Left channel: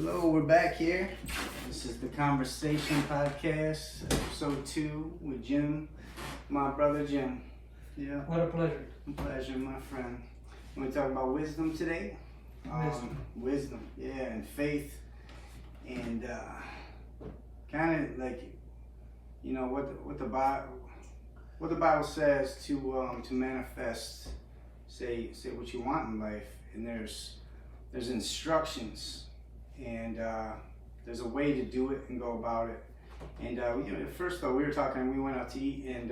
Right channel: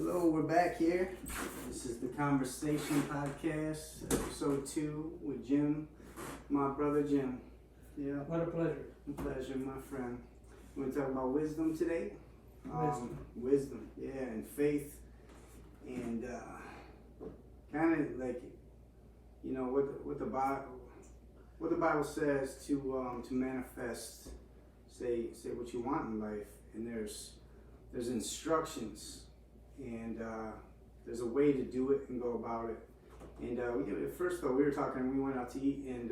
Hello, we're back here. This is the Conversation Podcast, episode 2 with Jim, my brother Jim. Yeah. What a pleasure. Pleasure, my friend. We're going to talk about wisdom today. Wisdom, yeah, and faith, and kind of like, you know, what the Bible says to manifest, say what you want in life, and there's instructions. And there's a way to do it and go about it. And first though, we went out to eat, and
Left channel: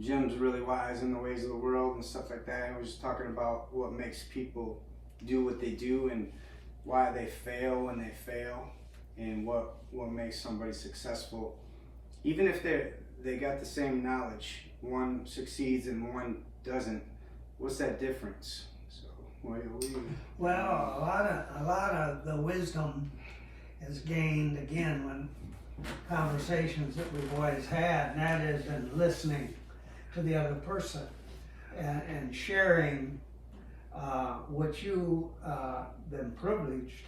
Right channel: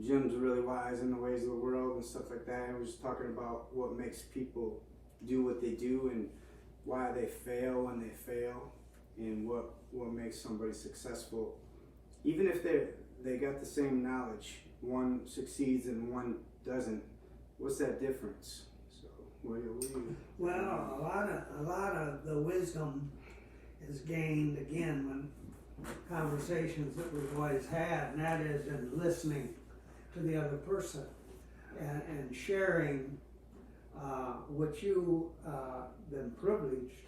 Jim's really wise in the ways of the world and stuff like that. And we were just talking about what makes people do what they do and why they fail when they fail, and what makes somebody successful. Even if they got the same knowledge, one succeeds and one doesn't. What's that difference? Well, a lot of the wisdom is gained again when conversations that we've always had, and that is in listening to the other person and sharing what you been privileged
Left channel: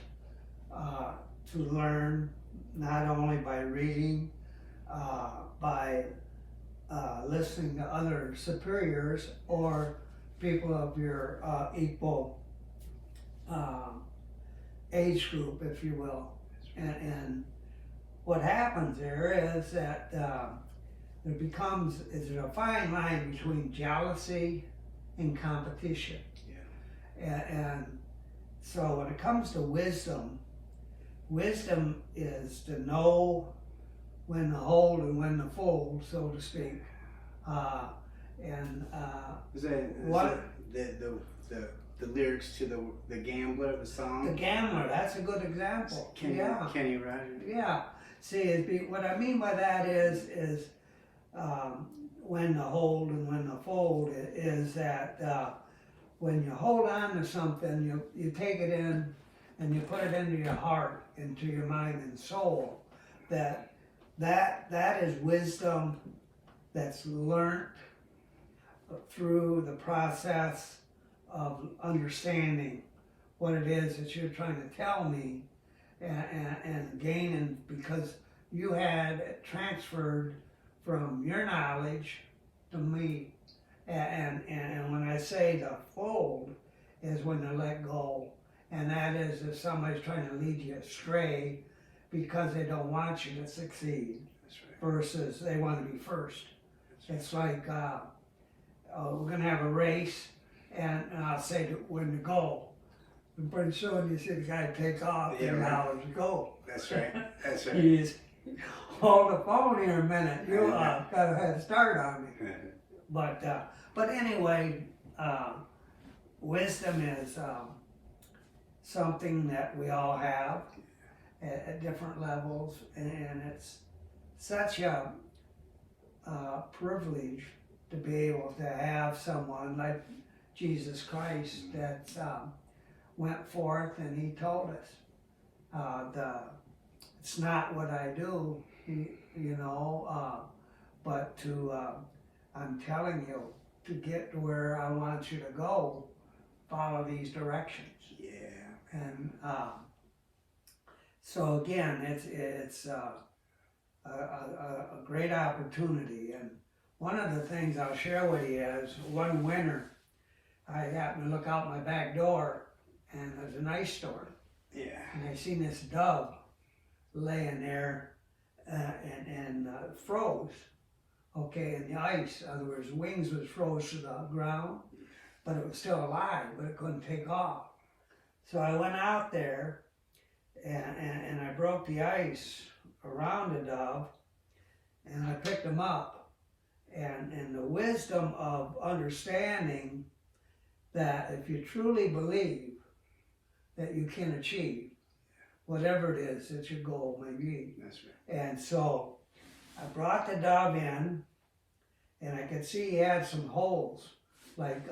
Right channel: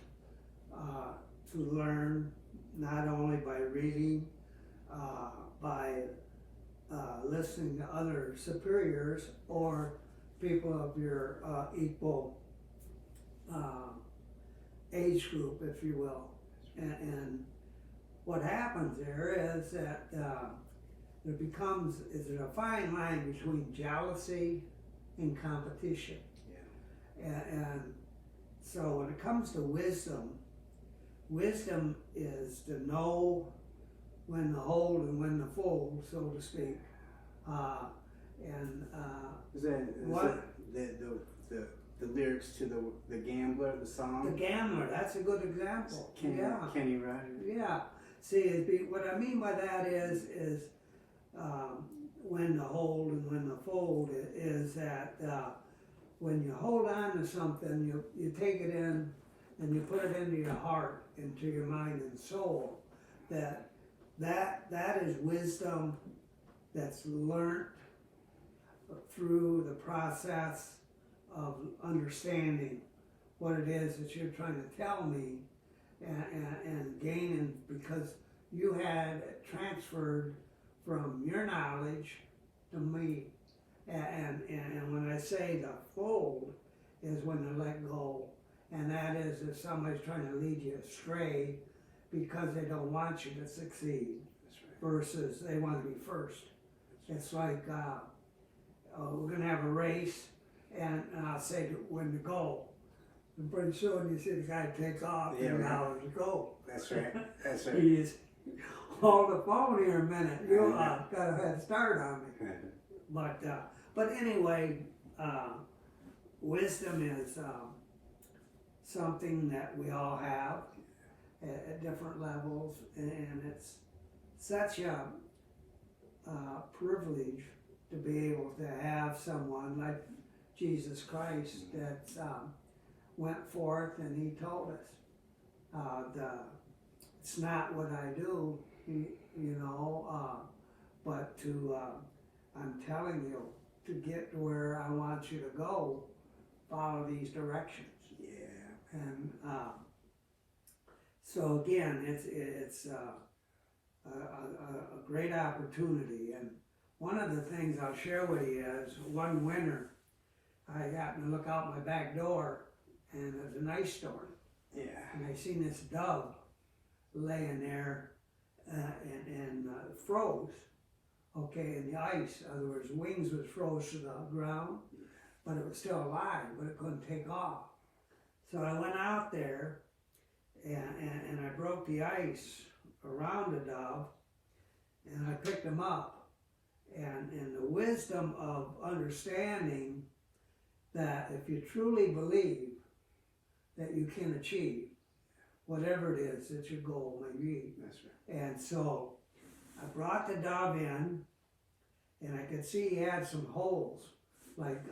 to learn, not only by reading, by listening to other superiors or people of your equal age group, if you will. And what happens there is that is a fine line between jealousy and competition. Yeah. And so when it comes to wisdom is to know when to hold and when to fold, so to speak. Is that the lyrics to the Gambler, the song? The Gambler, that's a good example. Kenny Rogers. Yeah. See, what I mean by that is when to hold and when to fold is that when you hold on to something, you take it in and you put it into your heart, into your mind and soul. That is wisdom that's learned through the process of understanding what it is that you're trying to tell me, and gaining, because you had transferred from your knowledge to me. And when I say to fold is when to let go, and that is if somebody's trying to lead you astray because they don't want you to succeed. That's right. Versus they want to be first. It's like we're going to have a race, and I'll say when to go. And pretty soon you see the guy take off, and now to go. That's right. That's right. He's hold the phone here a minute. You got a head start on me. But anyway, wisdom is something that we all have at different levels, and it's such a privilege to be able to have someone like Jesus Christ that went forth and he told us it's not what I do, but I'm telling you, to get to where I want you to go, follow these directions. Yeah. And so again, it's a great opportunity. And one of the things I'll share with you is one winter, I happened to look out my back door, and it was an ice storm. Yeah. And I seen this dove laying there and froze. Okay, in the ice. In other words, wings was froze to the ground, but it was still alive, but it couldn't take off. So I went out there and I broke the ice around the dove, and I picked him up. And the wisdom of understanding that if you truly believe that you can achieve whatever it is that your goal may be. That's right. And so I brought the dove in, and I could see he had some holes, like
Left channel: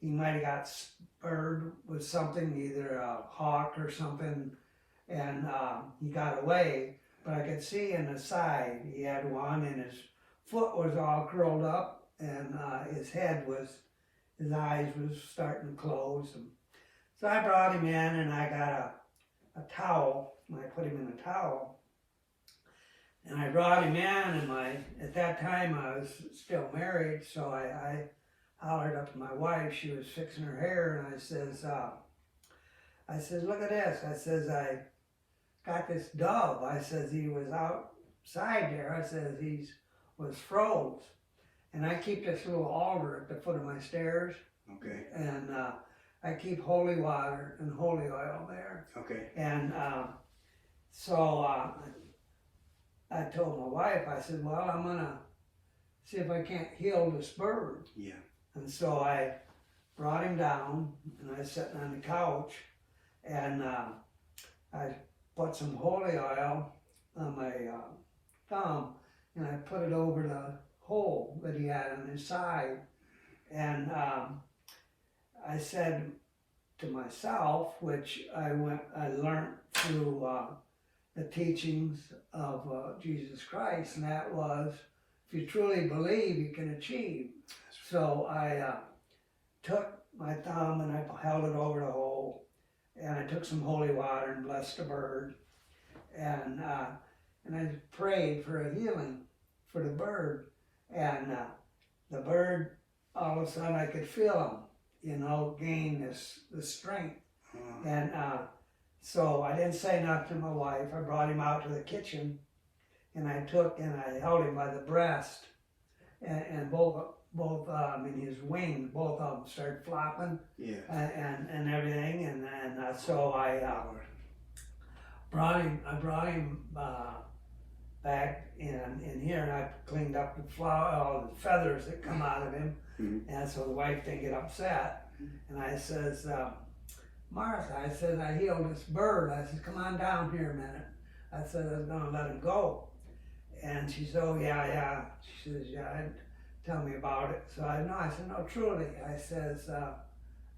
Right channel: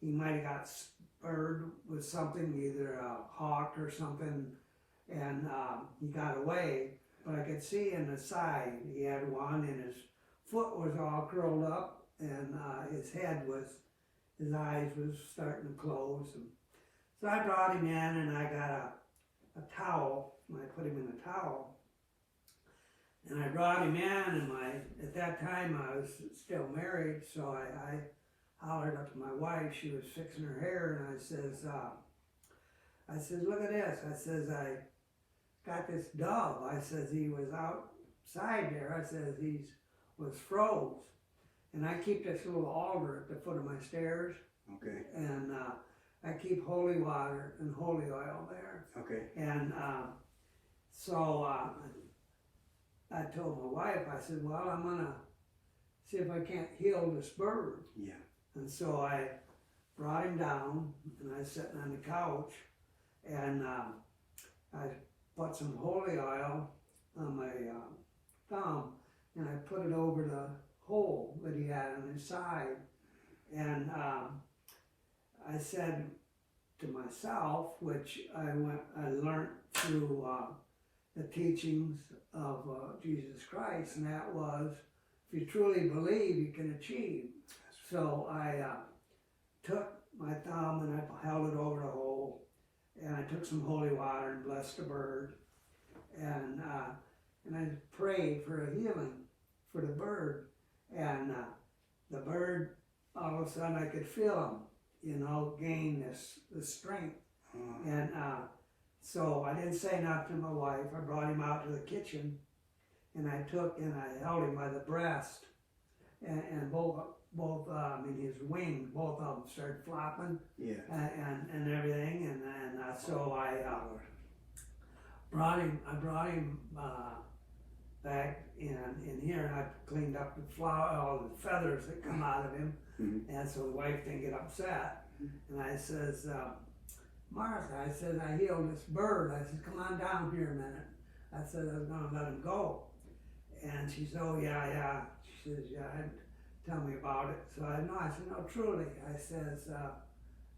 he might have got spurred with something, either a hawk or something, and he got away. But I could see in the side he had one, and his foot was all curled up, and his eyes was starting to close. And so I brought him in, and I got a towel. I put him in a towel. And I brought him in, and at that time I was still married, so I hollered up to my wife. She was fixing her hair, and I says, look at this. I says, I got this dove. I says, he was outside there. I says, he was froze. And I keep this little altar at the foot of my stairs. Okay. And I keep holy water and holy oil there. Okay. And so I told my wife, I said, well, I'm going to see if I can't heal this bird. Yeah. And so I brought him down, and I was sitting on the couch, and I put some holy oil on my thumb, and I put it over the hole that he had on his side. And I said to myself, which I learned through the teachings of Jesus Christ, and that was, if you truly believe, you can achieve. So I took my thumb and I held it over the hole, and I took some holy water and blessed the bird, and I prayed for a healing for the bird, and the bird, all of a sudden I could feel him, gain the strength, and so I didn't say nothing to my wife. I brought him out to the kitchen, and I held him by the breast, and his wings, both of them started flopping, yeah, and everything, and so I brought him back in here, and I cleaned up all the feathers that come out of him, and so the wife didn't get upset, and I says, Martha, I said, I healed this bird. I said, come on down here a minute. I said, I was going to let him go. And she said, oh, yeah. She says, yeah, tell me about it. So I said, no, truly. I says,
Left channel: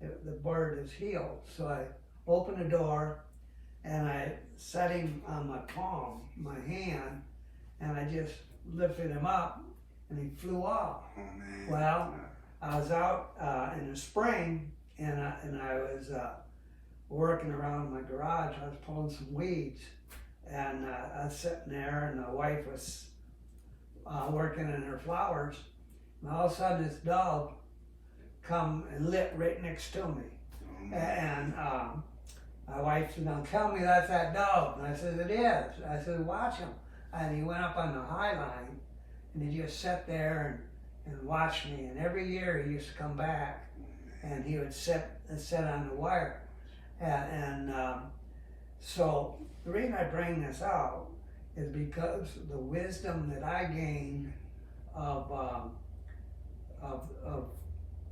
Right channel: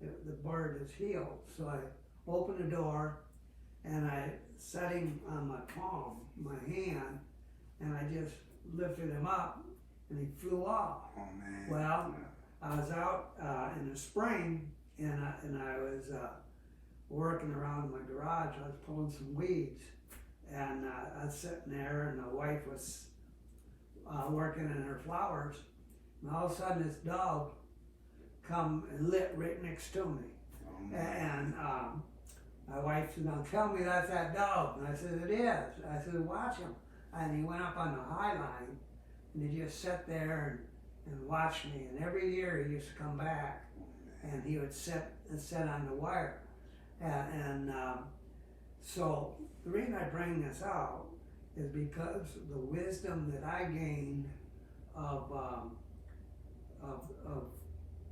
the bird is healed. So I opened the door, and I set him on my palm, my hand, and I just lifted him up, and he flew off. Oh, man. Well, I was out in the spring, and I was working around my garage. I was pulling some weeds, and I was sitting there, and my wife was working in her flowers, and all of a sudden this dove come and lit right next to me. Oh, And my wife said, now tell me that's that dove. And I said, it is. I said, watch him. And he went up on the high line, and he just sat there and watched me. And every year he used to come back, and he would sit on the wire. So the reason I bring this out is because the wisdom that I gained of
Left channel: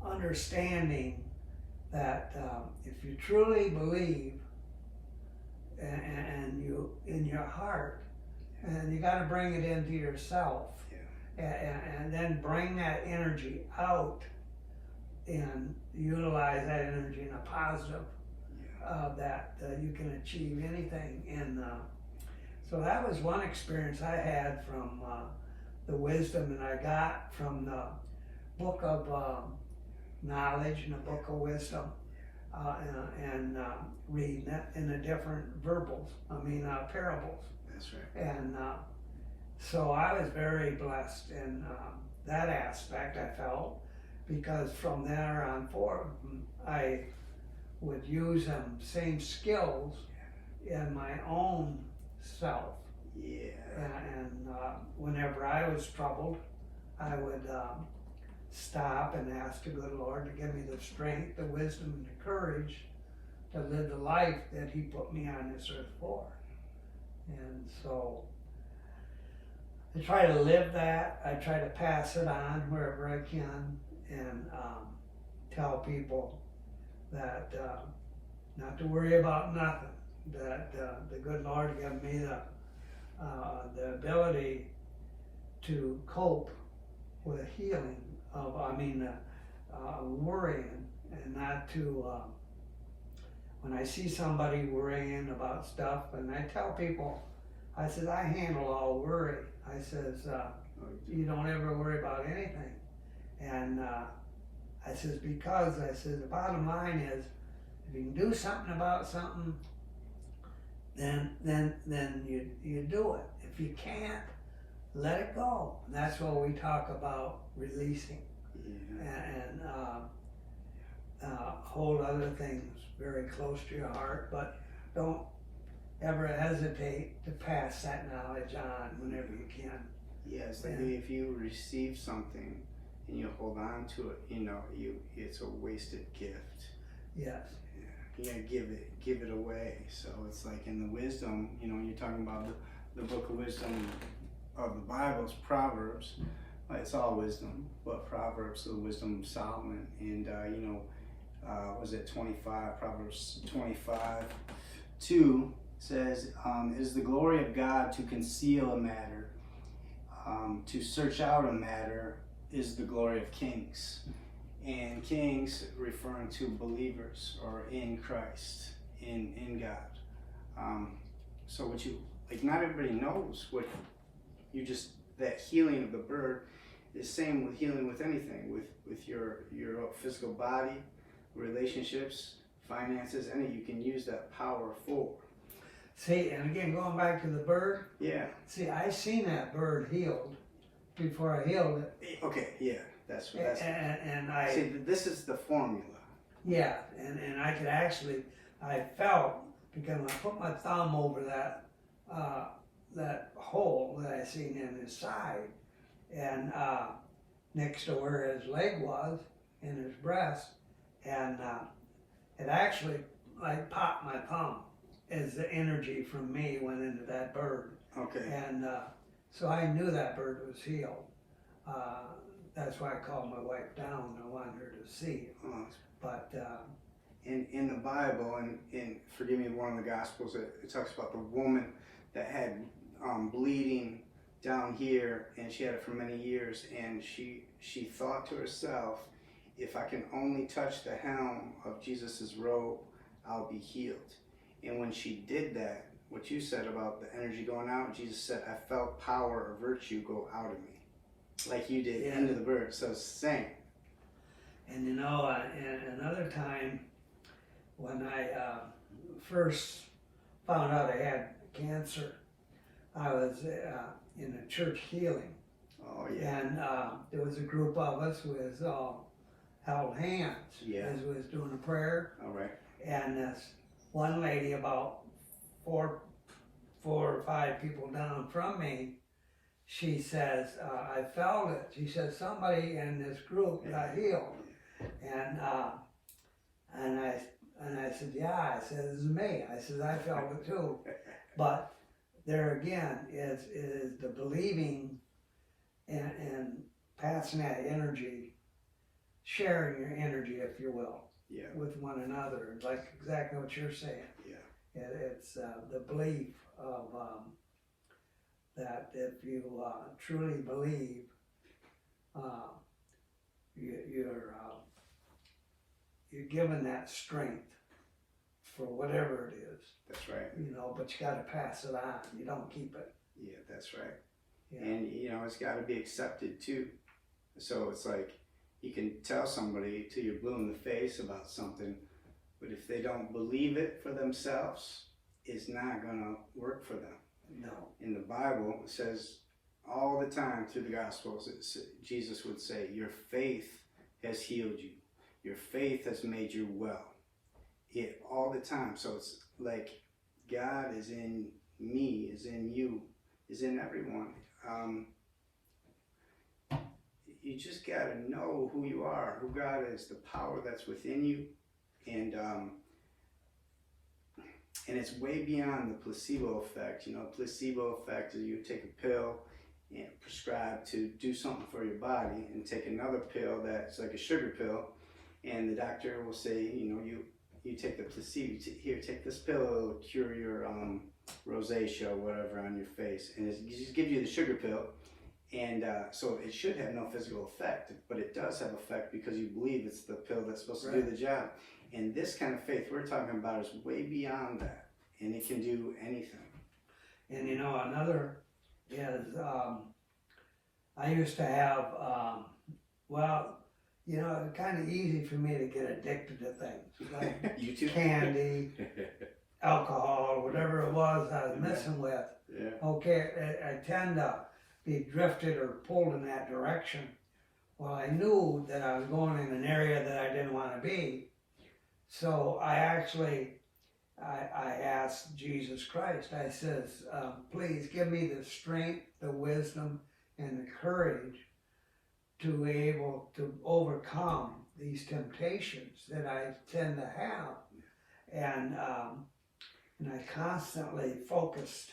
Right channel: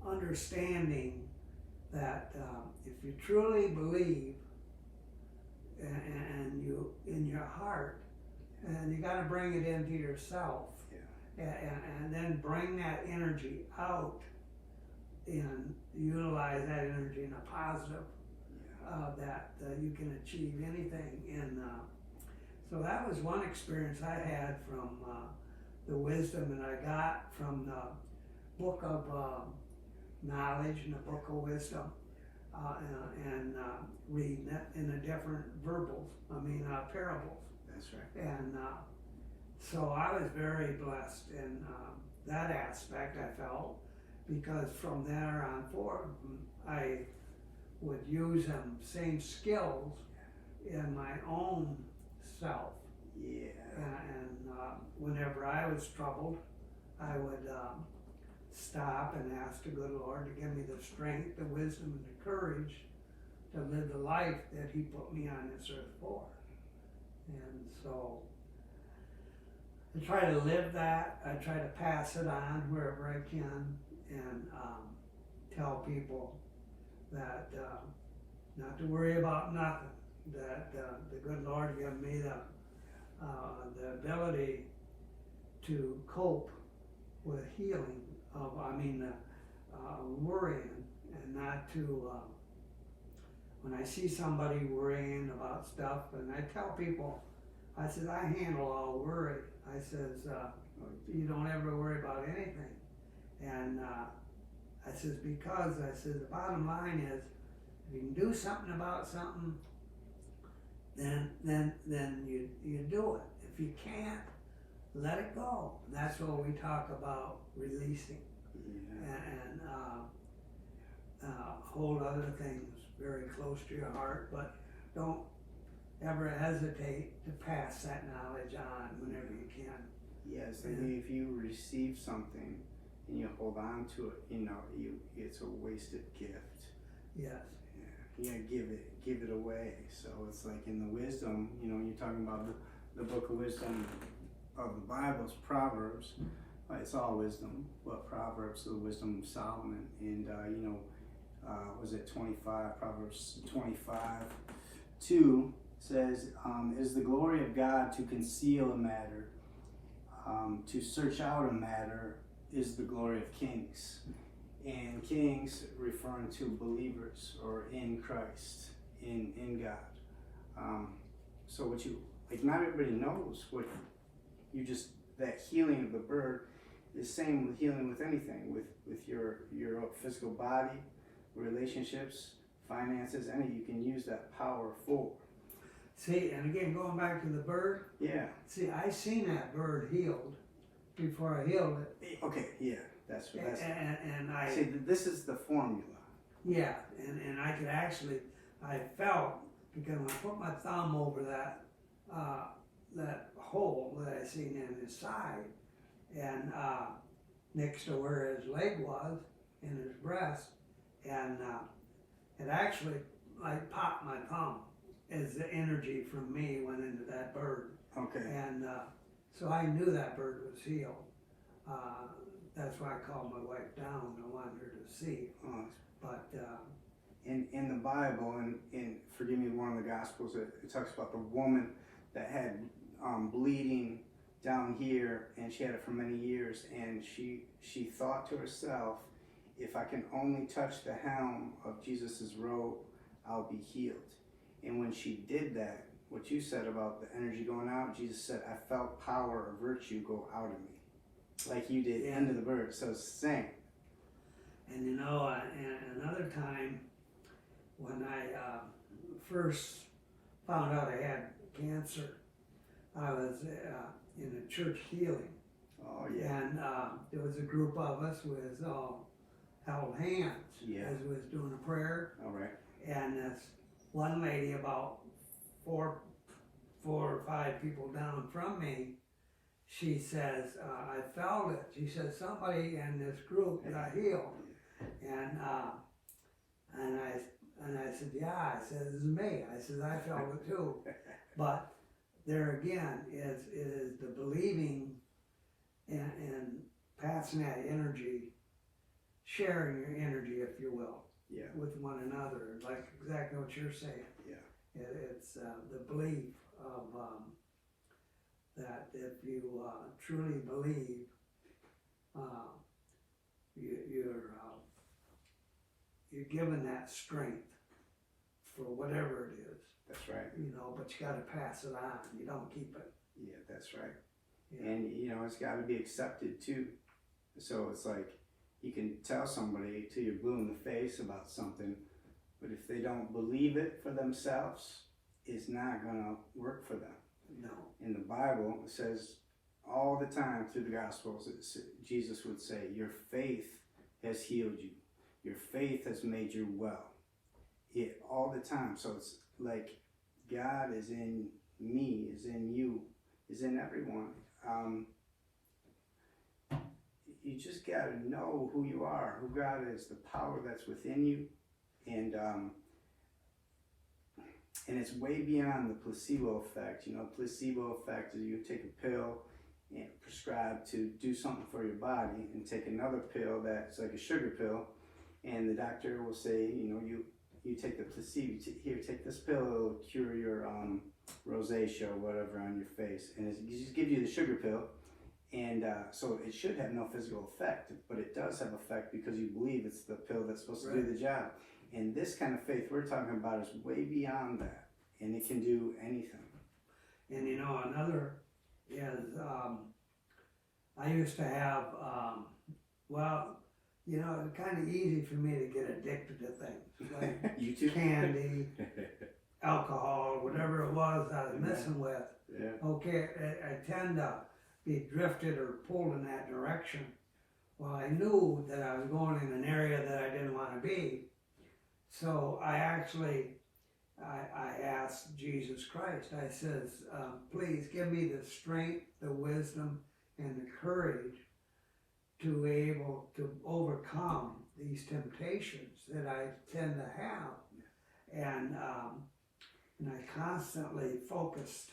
understanding that if you truly believe and you in your heart, and you got to bring it into yourself, and then bring that energy out and utilize that energy in a positive, that you can achieve anything. And so that was one experience I had from the wisdom that I got from the book of knowledge and the book of wisdom, and reading it in the different parables. That's right. And so I was very blessed in that aspect, I felt, because from there on forward, I would use them same skills in my own self. Yeah. And whenever I was troubled, I would stop and ask the good Lord to give me the strength, the wisdom, and the courage to live the life that He put me on this earth for. And so I try to live that. I try to pass it on wherever I can, and tell people that not to worry about nothing, that the good Lord gave me the ability to cope with healing of, worrying, and not to, when I see somebody worrying about stuff, and I tell people, I says, I handle all worry. I says, you don't ever worry about anything. And I says, because I says, the bottom line is, if you can do something about something, then you do it. If you can't, let it go. And that's what we talk about releasing and hold other things very close to your heart, but don't ever hesitate to pass that knowledge on whenever you can. Yes, like if you receive something and you hold on to it, it's a wasted gift. Yes. You gotta give it away. So it's like in the wisdom, you're talking about the book of wisdom of the Bible is Proverbs. It's all wisdom, but Proverbs, the wisdom of Solomon, and was it 25? Proverbs 25:2 says, "It is the glory of God to conceal a matter. To search out a matter is the glory of kings." And kings referring to believers or in Christ, in God. So what not everybody knows what that healing of the bird is same with healing with anything, with your physical body, relationships, finances, you can use that power for. See, and again, going back to the bird. Yeah. See, I seen that bird healed before I healed it. Okay, yeah, that's and I see. This is the formula. Yeah, and I could actually, I felt, because when I put my thumb over that hole that I seen in his side, and next to where his leg was, in his breast, and it actually, I popped my thumb as the energy from me went into that bird. Okay. And so I knew that bird was healed. That's why I called my wife down. I wanted her to see it. Oh. But in the Bible, and forgive me, one of the Gospels, it talks about the woman that had bleeding down here, and she had it for many years, and she thought to herself, if I can only touch the hem of Jesus's robe, I'll be healed. And when she did that, what you said about the energy going out, Jesus said, I felt power or virtue go out of me, like you did into the bird. So it's the same. And another time when I first found out I had cancer, I was in a church healing. Oh yeah. And there was a group of us who was all held hands as we was doing a prayer. All right. And this one lady, about four or five people down from me, she says, I felt it. She said, somebody in this group got healed. And I said, yeah. I said, this is me. I said, I felt it too. But there again is the believing and passing that energy, sharing your energy, if you will, with one another, like exactly what you're saying. Yeah. It's the belief of that if you truly believe, you're given that strength for whatever it is. That's right. But you got to pass it on. You don't keep it. Yeah, that's right. Yeah. And it's got to be accepted too. So it's like you can tell somebody till you're blue in the face about something, but if they don't believe it for themselves, it's not gonna work for them. No. In the Bible, it says all the time through the Gospels, Jesus would say, your faith has healed you. Your faith has made you well. All the time. So it's like God is in me, is in you, is in everyone. You just gotta know who you are, who God is, the power that's within you, and it's way beyond the placebo effect. Placebo effect is you take a pill and prescribe to do something for your body, and take another pill that's like a sugar pill, and the doctor will say, you take the placebo, here, take this pill, it'll cure your rosacea or whatever on your face, and it just gives you the sugar pill, and so it should have no physical effect, but it does have effect because you believe it's the pill that's supposed to do the job. And this kind of faith we're talking about is way beyond that, and it can do anything. And another is, I used to have, it's kind of easy for me to get addicted to things, like you too? candy, alcohol, whatever it was. okay, I tend to be drifted or pulled in that direction. Well, I knew that I was going in an area that I didn't want to be. So I asked Jesus Christ, I says, please give me the strength, the wisdom, and the courage to be able to overcome these temptations that I tend to have. And I constantly focused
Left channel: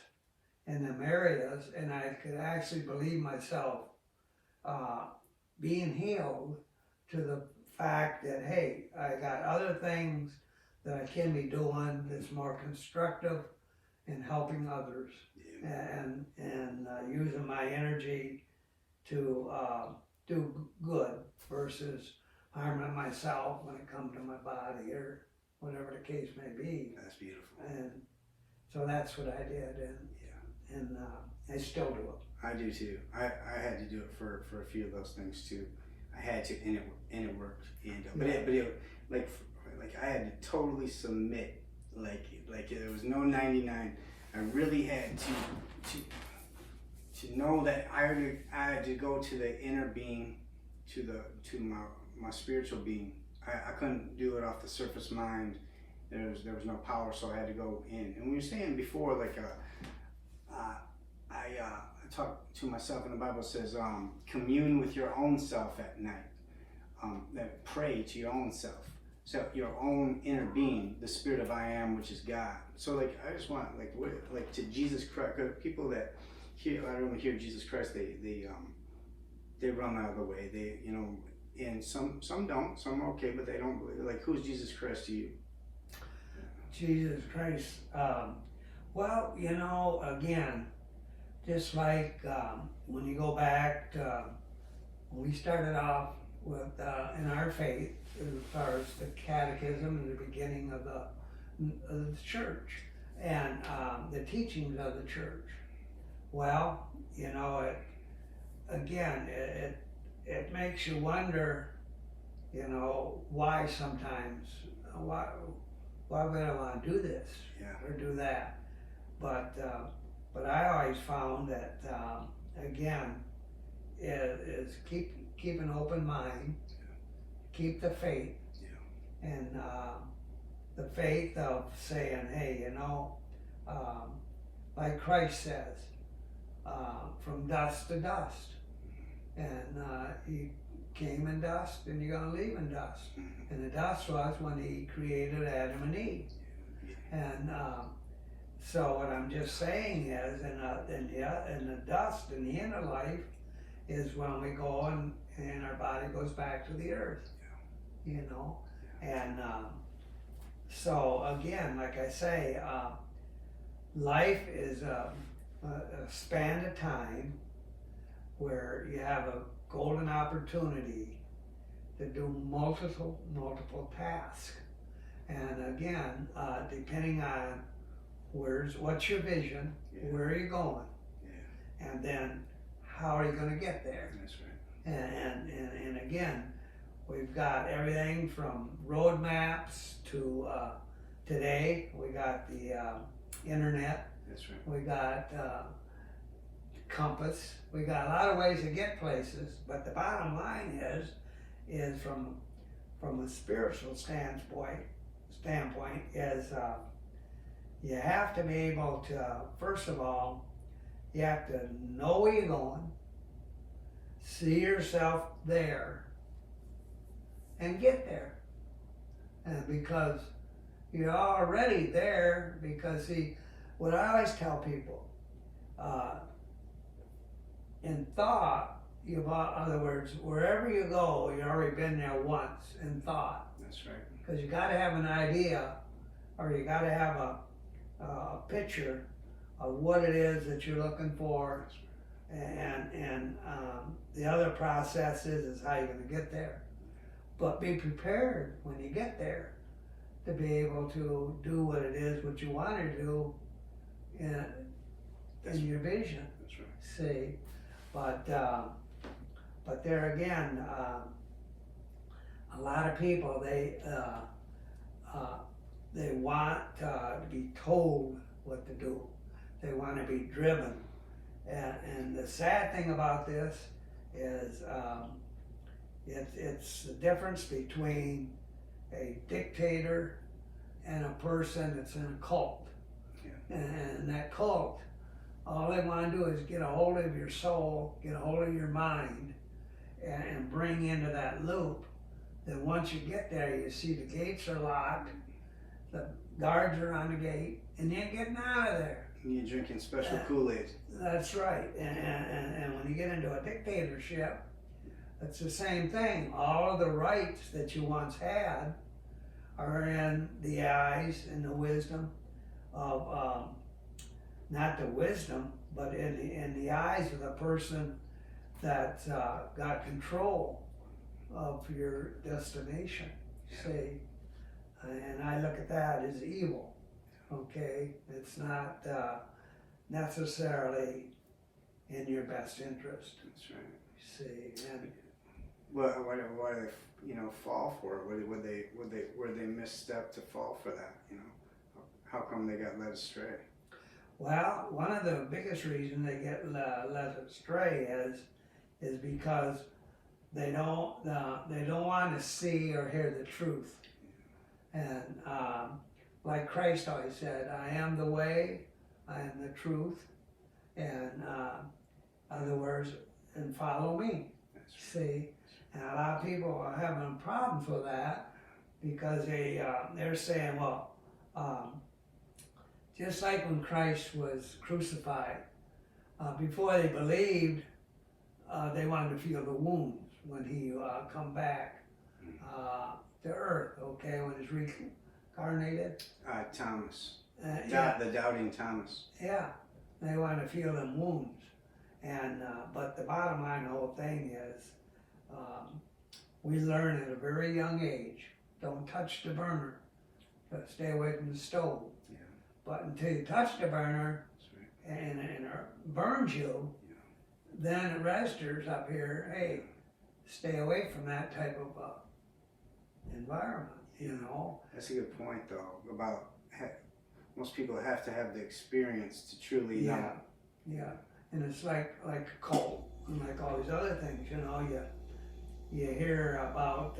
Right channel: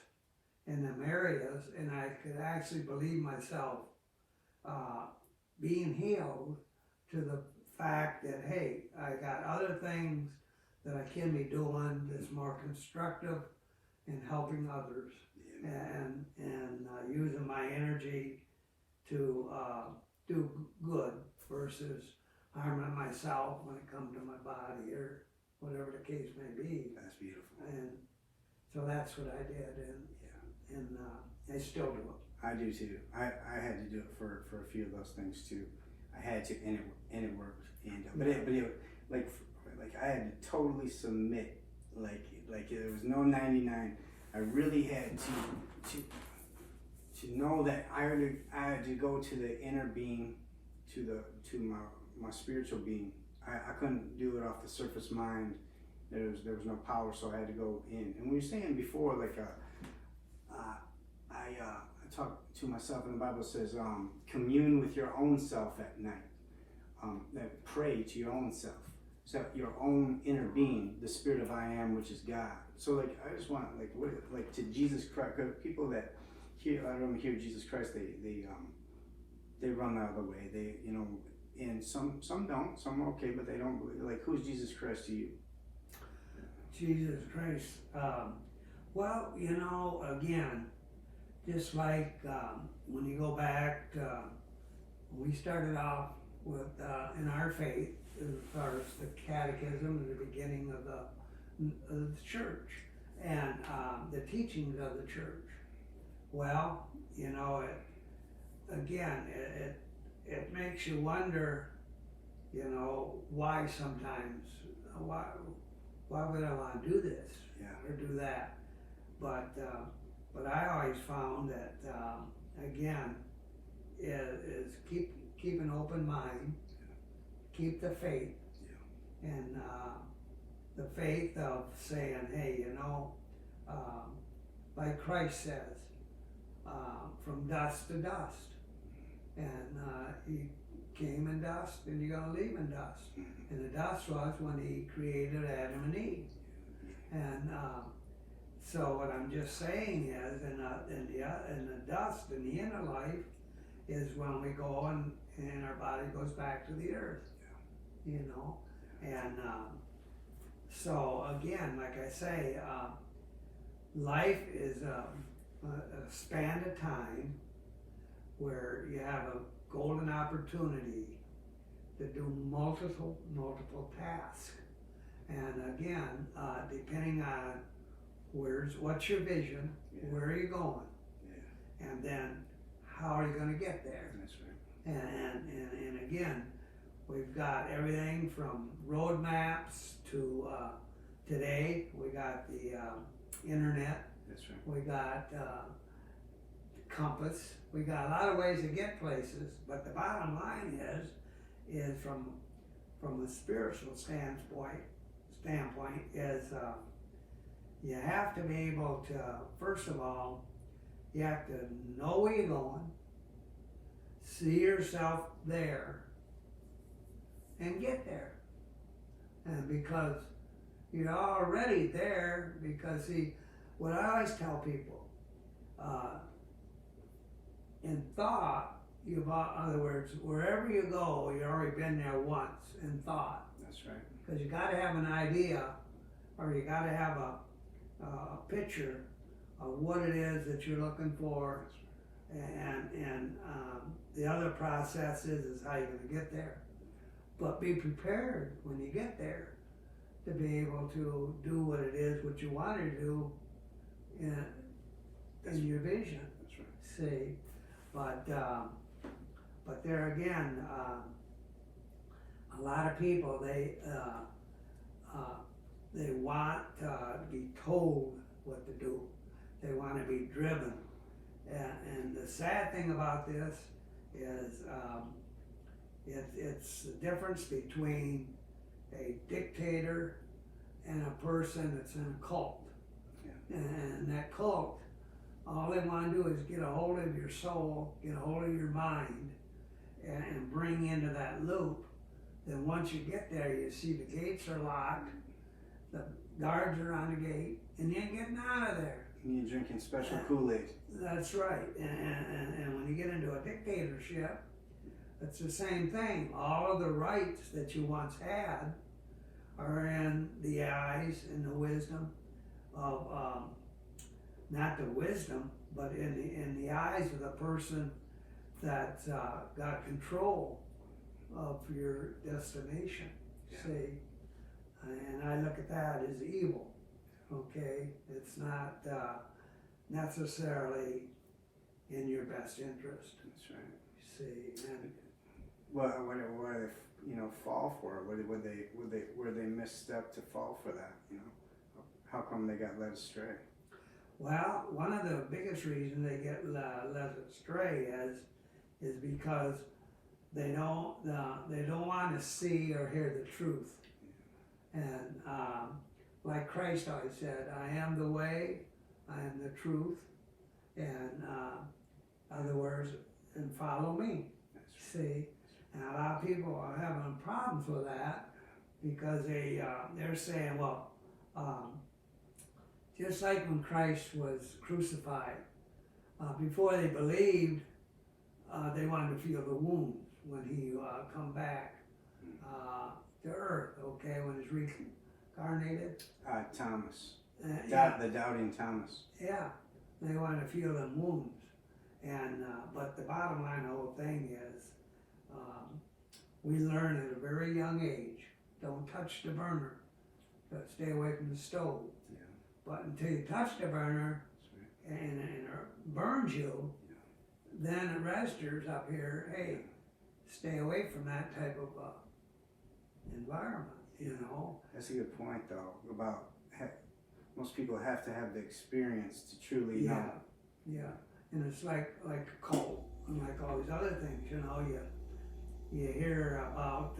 in them areas, and I could actually believe myself being healed to the fact that, hey, I got other things that I can be doing that's more constructive in helping others, and using my energy to do good versus harming myself when it comes to my body or whatever the case may be. That's beautiful. And so that's what I did, and I still do it. I do too. I had to do it for a few of those things too. I had to, and it worked. And but it like I had to totally submit. Like there was no 99. I really had to know that I had to go to the inner being, to my spiritual being. I couldn't do it off the surface mind. There was no power, so I had to go in. And we were saying before, like I talk to myself, and the Bible says, commune with your own self at night. That pray to your own self, so your own inner being, the spirit of I am, which is God. So like I just want like to Jesus Christ. Cause people that hear, I don't hear Jesus Christ, they run out of the way. They and some don't. Some are okay, but they don't believe. Like, who's Jesus Christ to you? Jesus Christ. Well, again, just like when you go back to when we started off with in our faith, as far as the catechism and the beginning of the church and the teachings of the church. Well, it makes you wonder, why sometimes, why would I want to do this or do that? But I always found that, again, is keep an open mind, keep the faith, and the faith of saying, hey, like Christ says, from dust to dust. And he came in dust, and you're going to leave in dust. And the dust was when he created Adam and Eve. And so what I'm just saying is, in the dust, in the inner life, is when we go and our body goes back to the earth. And so again, like I say, life is a span of time where you have a golden opportunity to do multiple tasks. And again, depending on what's your vision, where are you going, and then how are you going to get there? That's right. And again, we've got everything from road maps to today. We got the internet. That's right. We got compass. We got a lot of ways to get places. But the bottom line is from a spiritual standpoint is you have to be able to, first of all, you have to know where you're going, see yourself there, and get there. And because you're already there, because see, what I always tell people, in thought, in other words, wherever you go, you've already been there once in thought. That's right. Because you got to have an idea, or you got to have a picture of what it is that you're looking for, and the other process is how you're going to get there. But be prepared when you get there to be able to do what it is what you want to do in your vision. That's right. See, but there again, a lot of people they want to be told what to do. They want to be driven. And the sad thing about this is it's the difference between a dictator and a person that's in a cult. Yeah. And that cult, all they want to do is get a hold of your soul, get a hold of your mind, and bring you into that loop. Then once you get there, you see the gates are locked, the guards are on the gate, and you ain't getting out of there. You're drinking special Kool-Aid. That's right. And when you get into a dictatorship, it's the same thing. All of the rights that you once had are in the eyes and the wisdom of, not the wisdom, but in the eyes of the person that got control of your destination. See? And I look at that as evil. Okay? It's not necessarily in your best interest. That's right. See? And What do they, fall for it? Were they misstep to fall for that? How come they got led astray? well, one of the biggest reasons they get led astray is because they don't want to see or hear the truth. And like Christ always said, I am the way, I am the truth, and other words, and follow me. See, and a lot of people are having problems with that because they're saying, well, just like when Christ was crucified, before they believed, they wanted to feel the wounds when he come back to earth. Okay, when he's reincarnated. Thomas, Yeah. the doubting Thomas. Yeah, they want to feel them wounds, and but the bottom line, the whole thing is, we learn at a very young age, don't touch the burner, stay away from the stove. Yeah. But until you touch the burner, That's right. and it burns you, then it registers up here, hey, stay away from that type of environment, That's a good point, though. About most people have to have the experience to truly know. Yeah, and it's like a cult, and like all these other things, you hear about,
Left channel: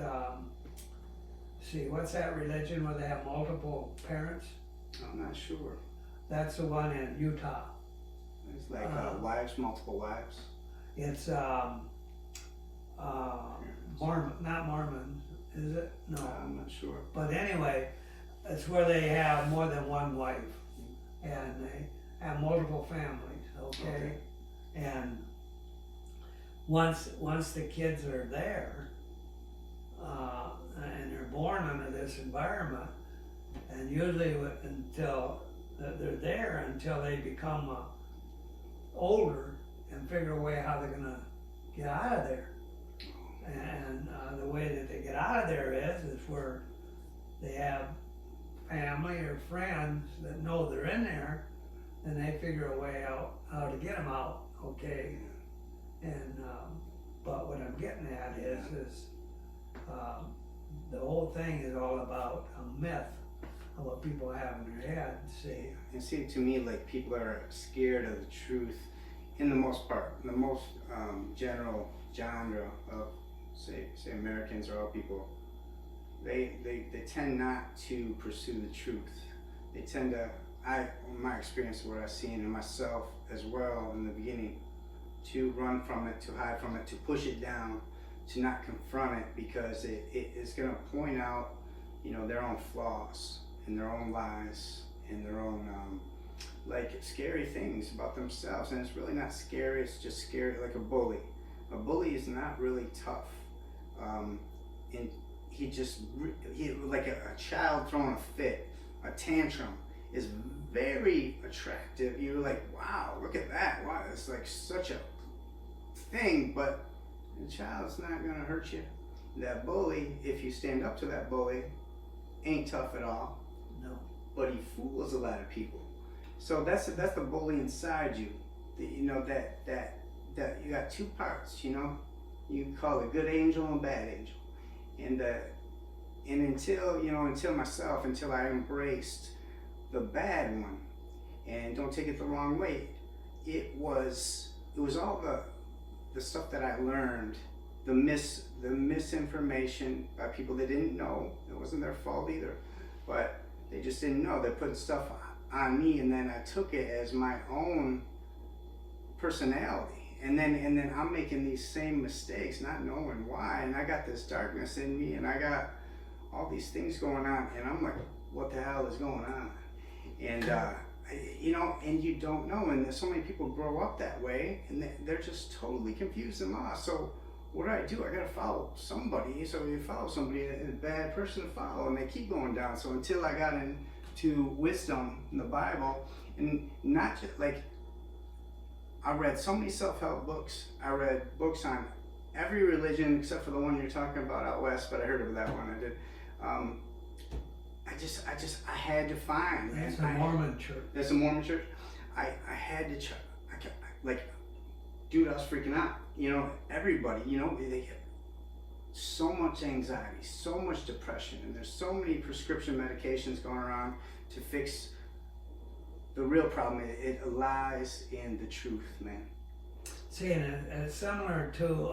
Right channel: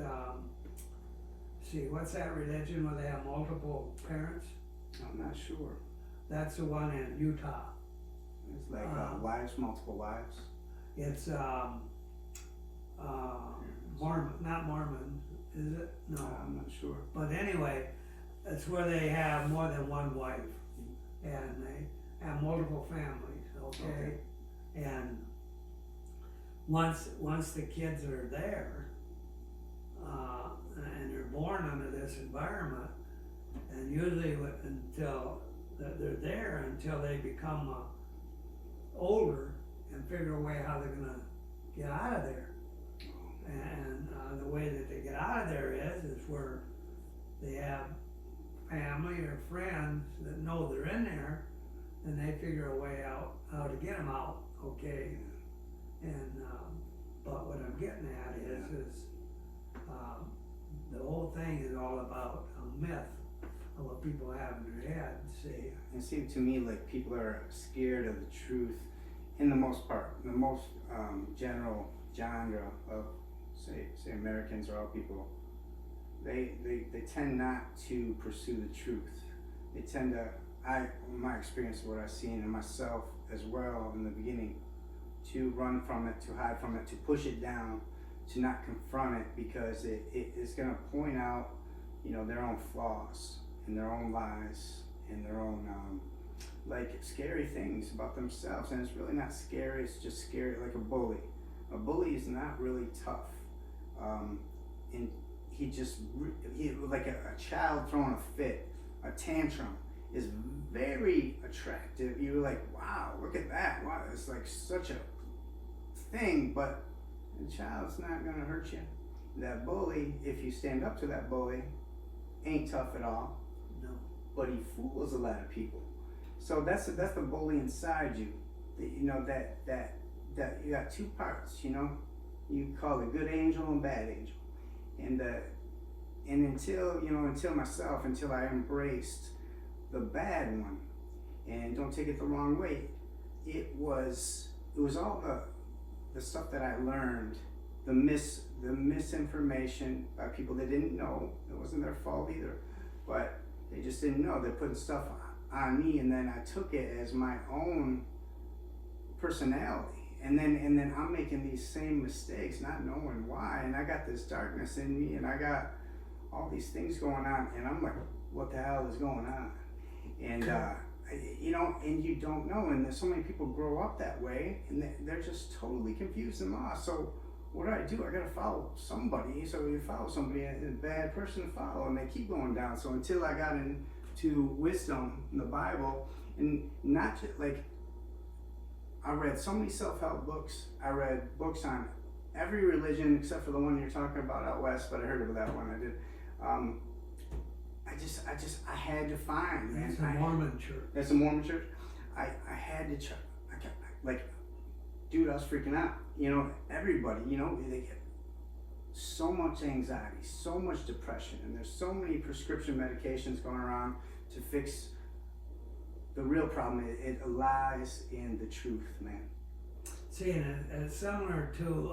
what's that religion where they have multiple parents? I'm not sure. That's the one in Utah. It's like wives, multiple wives. It's Mormon, not Mormon, is it? No. I'm not sure. But anyway, it's where they have more than one wife, and they have multiple families, okay? And once the kids are there, and they're born under this environment, and usually until they're there until they become older and figure a way how they're gonna get out of there. And the way that they get out of there is where they have family or friends that know they're in there, and they figure a way out how to get them out, okay? And but what I'm getting at is the whole thing is all about a myth of what people have in their head. See, And see, to me, like, people are scared of the truth in the most part. The most general genre of, say Americans or all people, they tend not to pursue the truth. They tend to, my experience, what I've seen in myself as well in the beginning, to run from it, to hide from it, to push it down, to not confront it, because it's going to point out, their own flaws and their own lies and their own like scary things about themselves. And it's really not scary, it's just scary, like a bully. A bully is not really tough. And he like a child throwing a fit, a tantrum, is very attractive. You're like, wow, look at that. Wow, it's like such a thing, but the child's not gonna hurt you. That bully, if you stand up to that bully, ain't tough at all. no. But he fools a lot of people. So that's the bully inside you. That you got two parts. You call it good angel and bad angel, and until I embraced the bad one, and don't take it the wrong way, it was all the stuff that I learned, the misinformation by people that didn't know. It wasn't their fault either, but they just didn't know. They put stuff on me, and then I took it as my own personality. And then I'm making these same mistakes, not knowing why. And I got this darkness in me, and I got all these things going on, and I'm like, what the hell is going on? And you know, and you don't know. And there's so many people grow up that way, and they're just totally confused and lost. So what do? I gotta follow somebody. So you follow somebody, a bad person to follow, and they keep going down. So until I got into wisdom in the Bible, and not just like, I read so many self-help books. I read books on every religion except for the one you're talking about out west, but I heard of that one. I did. I had to find. That's the Mormon church. That's the Mormon church. I had to check. Like, dude, I was freaking out. You know, everybody, you know, they get so much anxiety, so much depression, and there's so many prescription medications going around to fix the real problem. It lies in the truth, man. See, and it's similar to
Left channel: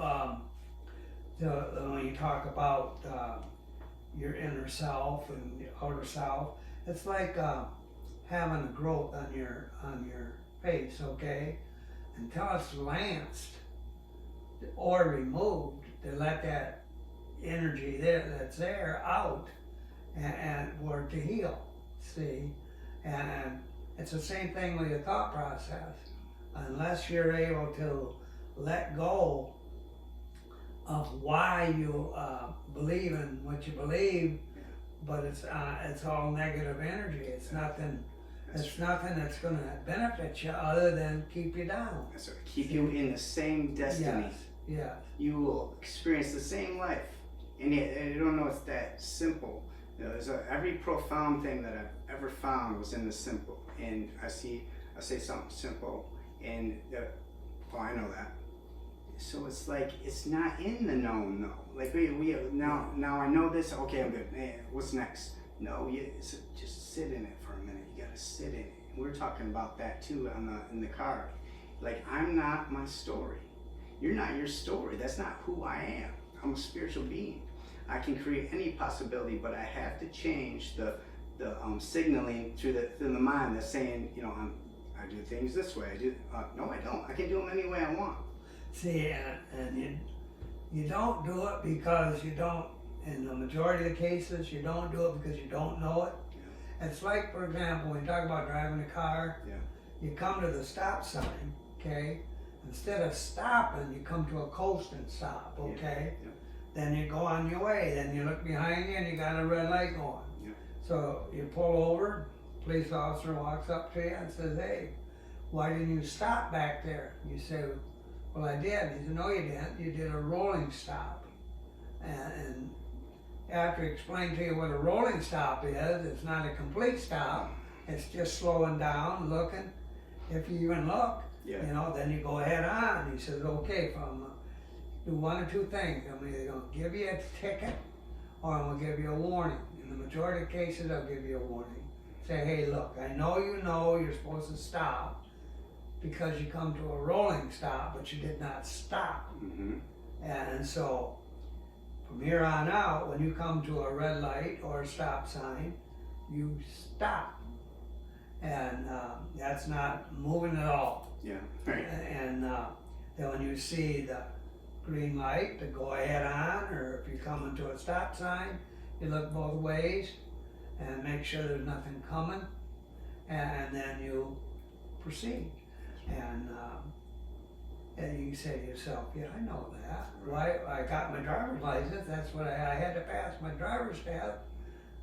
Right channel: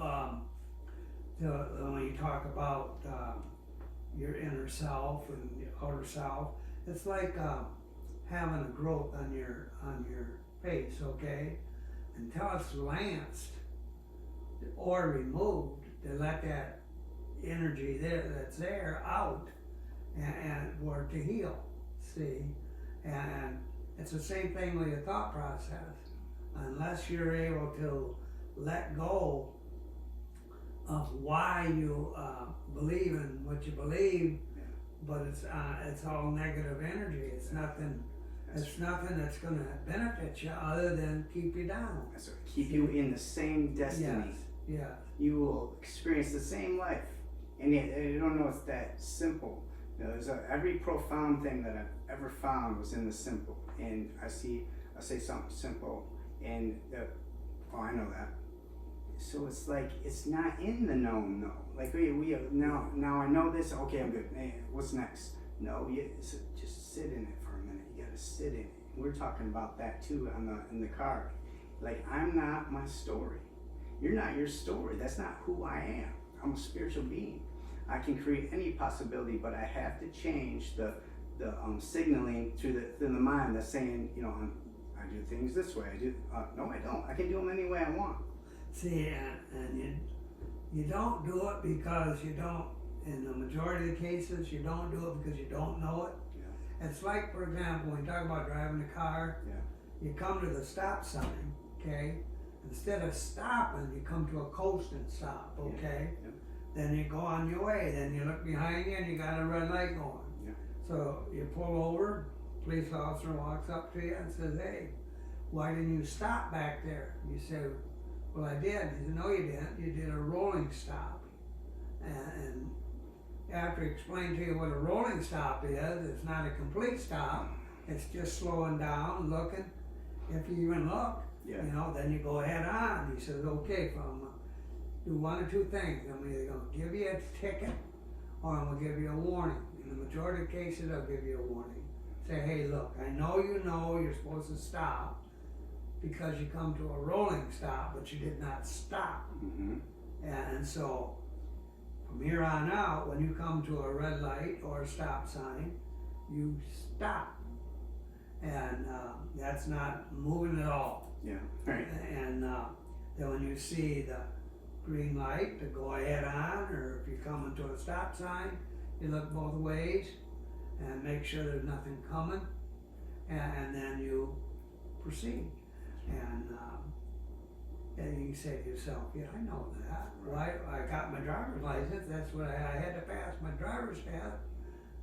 when you talk about your inner self and your outer self. It's like having a growth on your face, okay? Until it's lanced or removed, to let that energy that's there out and for it to heal. See, and it's the same thing with your thought process. Unless you're able to let go of why you believe in what you believe, but it's all negative energy. It's nothing. It's nothing that's going to benefit you other than keep you down. That's right. Keep you in the same destiny. Yes. You will experience the same life, and yet you don't know it's that simple. You know, every profound thing that I've ever found was in the simple. And I say something simple, and oh, I know that. So it's like, it's not in the known, no. Like we now I know this. Okay, I'm good. Hey, what's next? No, just sit in it for a minute. You gotta sit in it. We were talking about that too in the car. Like, I'm not my story. You're not your story. That's not who I am. I'm a spiritual being. I can create any possibility, but I have to change the signaling through the mind that's saying, you know, I do things this way. No, I don't. I can do them any way I want. See, and you don't do it because you don't. In the majority of the cases, you don't do it because you don't know it. Yeah. It's like, for example, when you talk about driving a car, yeah, you come to the stop sign, okay? Instead of stopping, you come to a coasting stop, okay? Yeah. Yeah. Then you go on your way. Then you look behind you and you got a red light going. Yeah. So you pull over, police officer walks up to you and says, hey, why didn't you stop back there? You say, well, I did. He said, no, you didn't. You did a rolling stop. And after he explained to you what a rolling stop is, it's not a complete stop. It's just slowing down, looking. If you even look, yeah, you know, then you go ahead on. He says, okay, do one or two things. I'm either going to give you a ticket or I'm going to give you a warning. In the majority of cases, I'll give you a warning. Say, hey, look, I know you're supposed to stop because you come to a rolling stop, but you did not stop. Mm-hmm. And so from here on out, when you come to a red light or a stop sign, you stop. And that's not moving at all. Yeah, right. And then when you see the green light to go ahead on, or if you come into a stop sign, you look both ways and make sure there's nothing coming, and then you proceed. And you say to yourself, yeah, I know that. Why? I got my driver's license. That's what I had to pass my driver's test.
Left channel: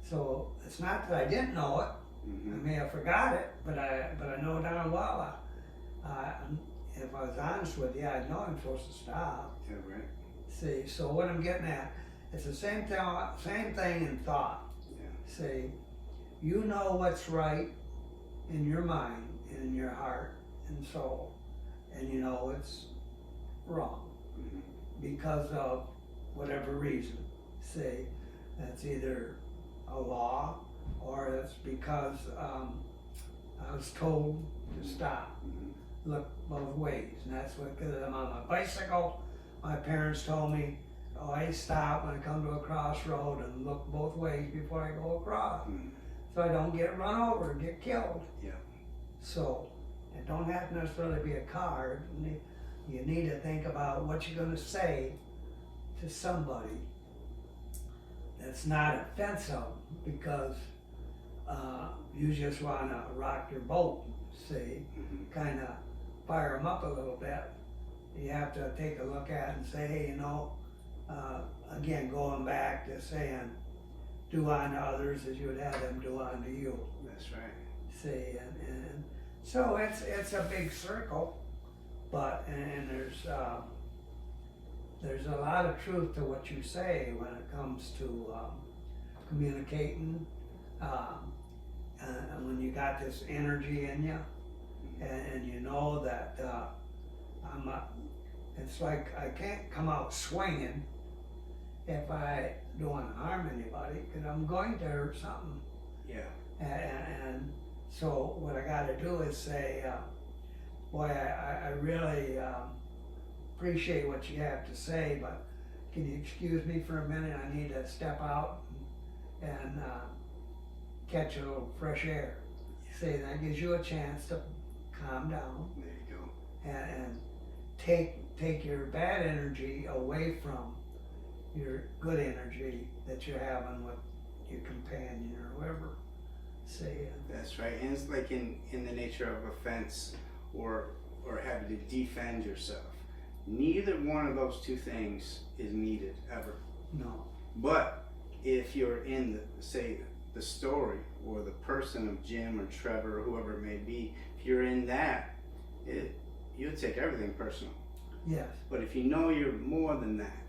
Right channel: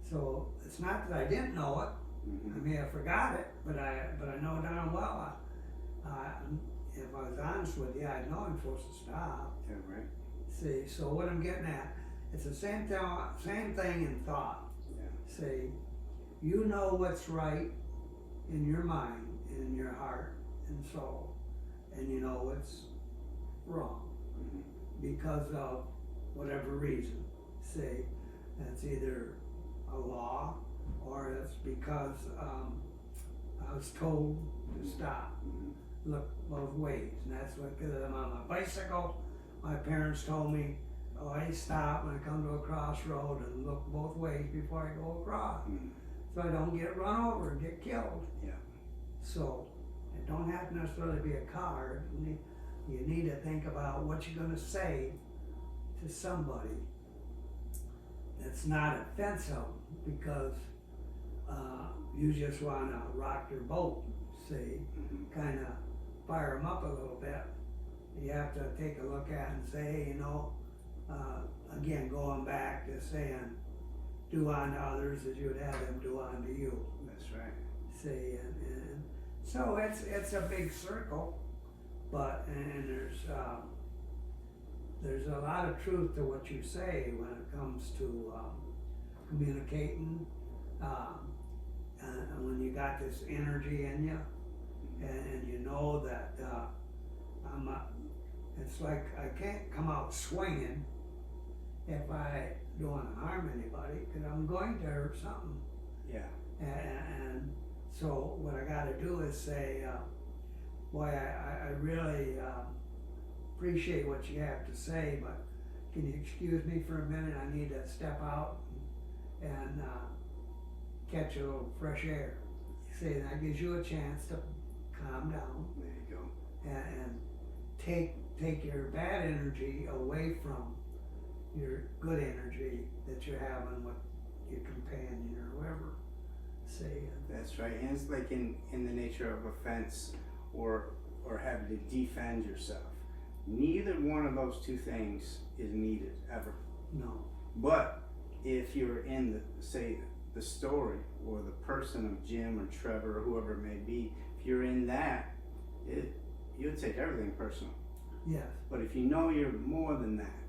So it's not that I didn't know it. Mm-hmm. I may have forgot it, but I know darn well. If I was honest with you, I know I'm supposed to stop. Yeah, right. See, so what I'm getting at, it's the same thing in thought. Yeah. See, you know what's right in your mind and in your heart and soul, and you know it's wrong, mm-hmm, because of whatever reason. See, that's either a law or it's because I was told to stop. Mm-hmm. look both ways, and that's what, because I'm on my bicycle, my parents told me, oh, I stop when I come to a crossroad and look both ways before I go across, so I don't get run over and get killed. Yeah. So, it don't have to necessarily be a car. You need to think about what you're gonna say to somebody that's not offensive, because you just wanna rock your boat, see, kinda fire them up a little bit. You have to take a look at it and say, hey, you know, again, going back to saying, do unto others as you would have them do unto you. That's right. See, and so it's a big circle, but, and there's a lot of truth to what you say when it comes to communicating, and when you got this energy in you, and you know that it's like I can't come out swinging if I don't want to harm anybody, because I'm going to hurt something. Yeah. And so what I got to do is say, boy, I really appreciate what you have to say, but can you excuse me for a minute? I need to step out and catch a little fresh air. See, that gives you a chance to calm down. There you go. And take your bad energy away from your good energy that you're having with your companion or whoever. See. That's right, and it's like in the nature of offense or having to defend yourself. Neither one of those two things is needed ever. No. But if you're in the story or the person of Jim or Trevor or whoever it may be, if you're in that, you'll take everything personal. Yes. But if you know you're more than that,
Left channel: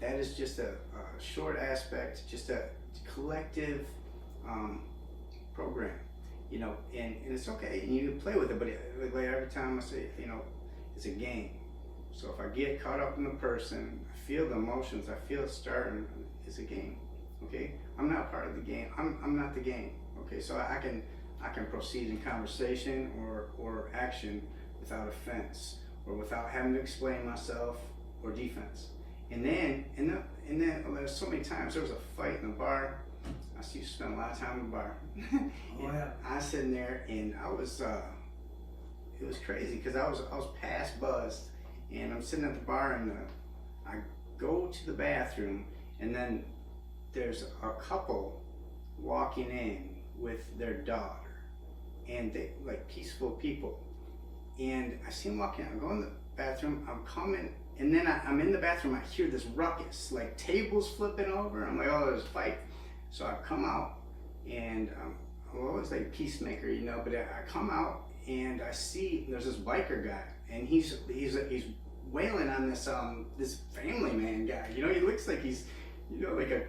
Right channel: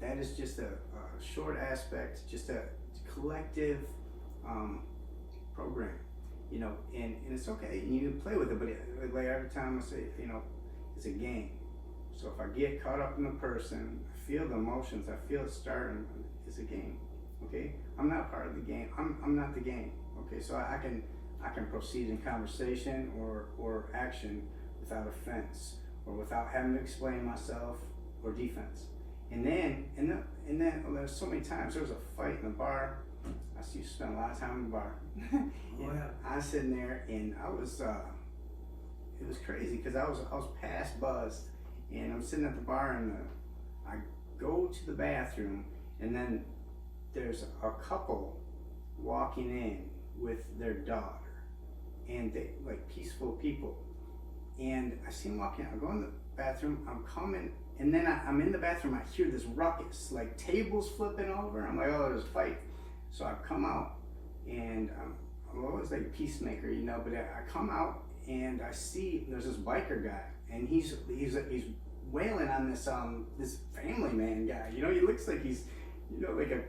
that is just a short aspect, just a collective program, you know, and it's okay, and you can play with it, but like every time I say, you know, it's a game. So if I get caught up in the person, I feel the emotions, I feel it starting, it's a game, okay? I'm not part of the game, I'm not the game, okay? So I can proceed in conversation or action without offense, or without having to explain myself, or defense. And then there's so many times, there was a fight in the bar. I used to spend a lot of time in the bar. Oh, yeah. I was sitting there and I was, it was crazy because I was past buzzed, and I'm sitting at the bar and I go to the bathroom, and then there's a couple walking in with their daughter, and they like peaceful people, and I see them walking. I go in the bathroom. I'm coming. And then I'm in the bathroom, I hear this ruckus, like tables flipping over. I'm like, oh, there's a fight. So I come out, and I'm always like a peacemaker, you know, but I come out and I see there's this biker guy, and he's wailing on this family man guy. You know, he looks like he's, you know, like a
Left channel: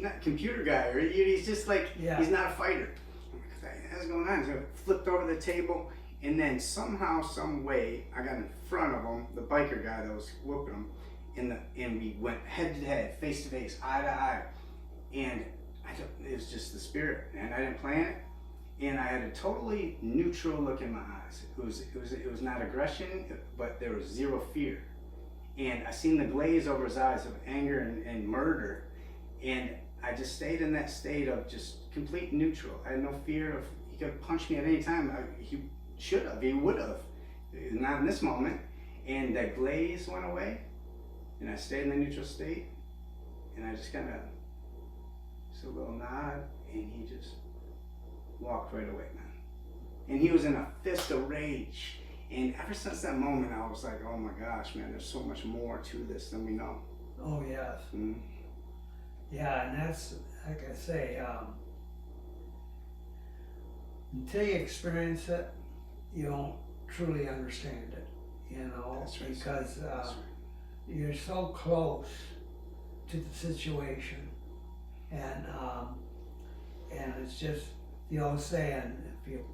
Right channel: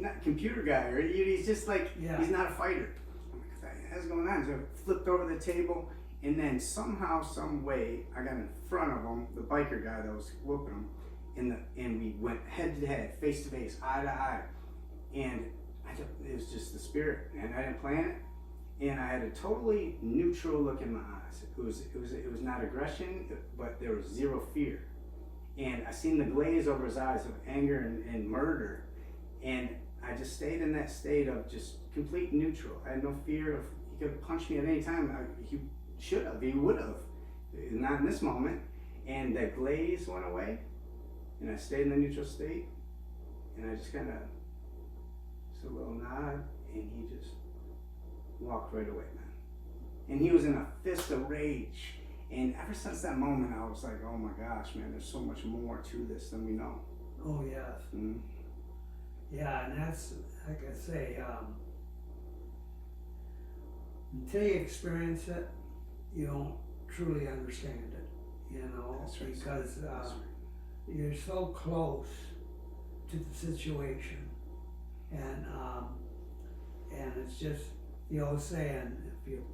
not computer guy, or he's just like, he's not a fighter. I'm like, what's going on? So I flipped over the table. And then somehow, some way, I got in front of him, the biker guy that was whooping him, and we went head to head, face to face, eye to eye, and it was just the spirit, and I didn't plan it, and I had a totally neutral look in my eyes. It was not aggression, but there was zero fear, and I seen the glaze over his eyes of anger and murder, and I just stayed in that state of just complete neutral. I had no fear of, he could punch me at any time. He should have, he would have, not in this moment. And that glaze went away, and I stayed in the neutral state, and I just kind of, just a little nod, and he just walked right away, man. And he was in a fist of rage, and ever since that moment, I was like, oh my gosh, man, there's so much more to this than we know. Oh, yes. Mm-hmm. Yeah, and that's, like I say, until you experience it, you don't truly understand it, you know, That's right. because That's right. you're so close to the situation, and it's just the old saying, if you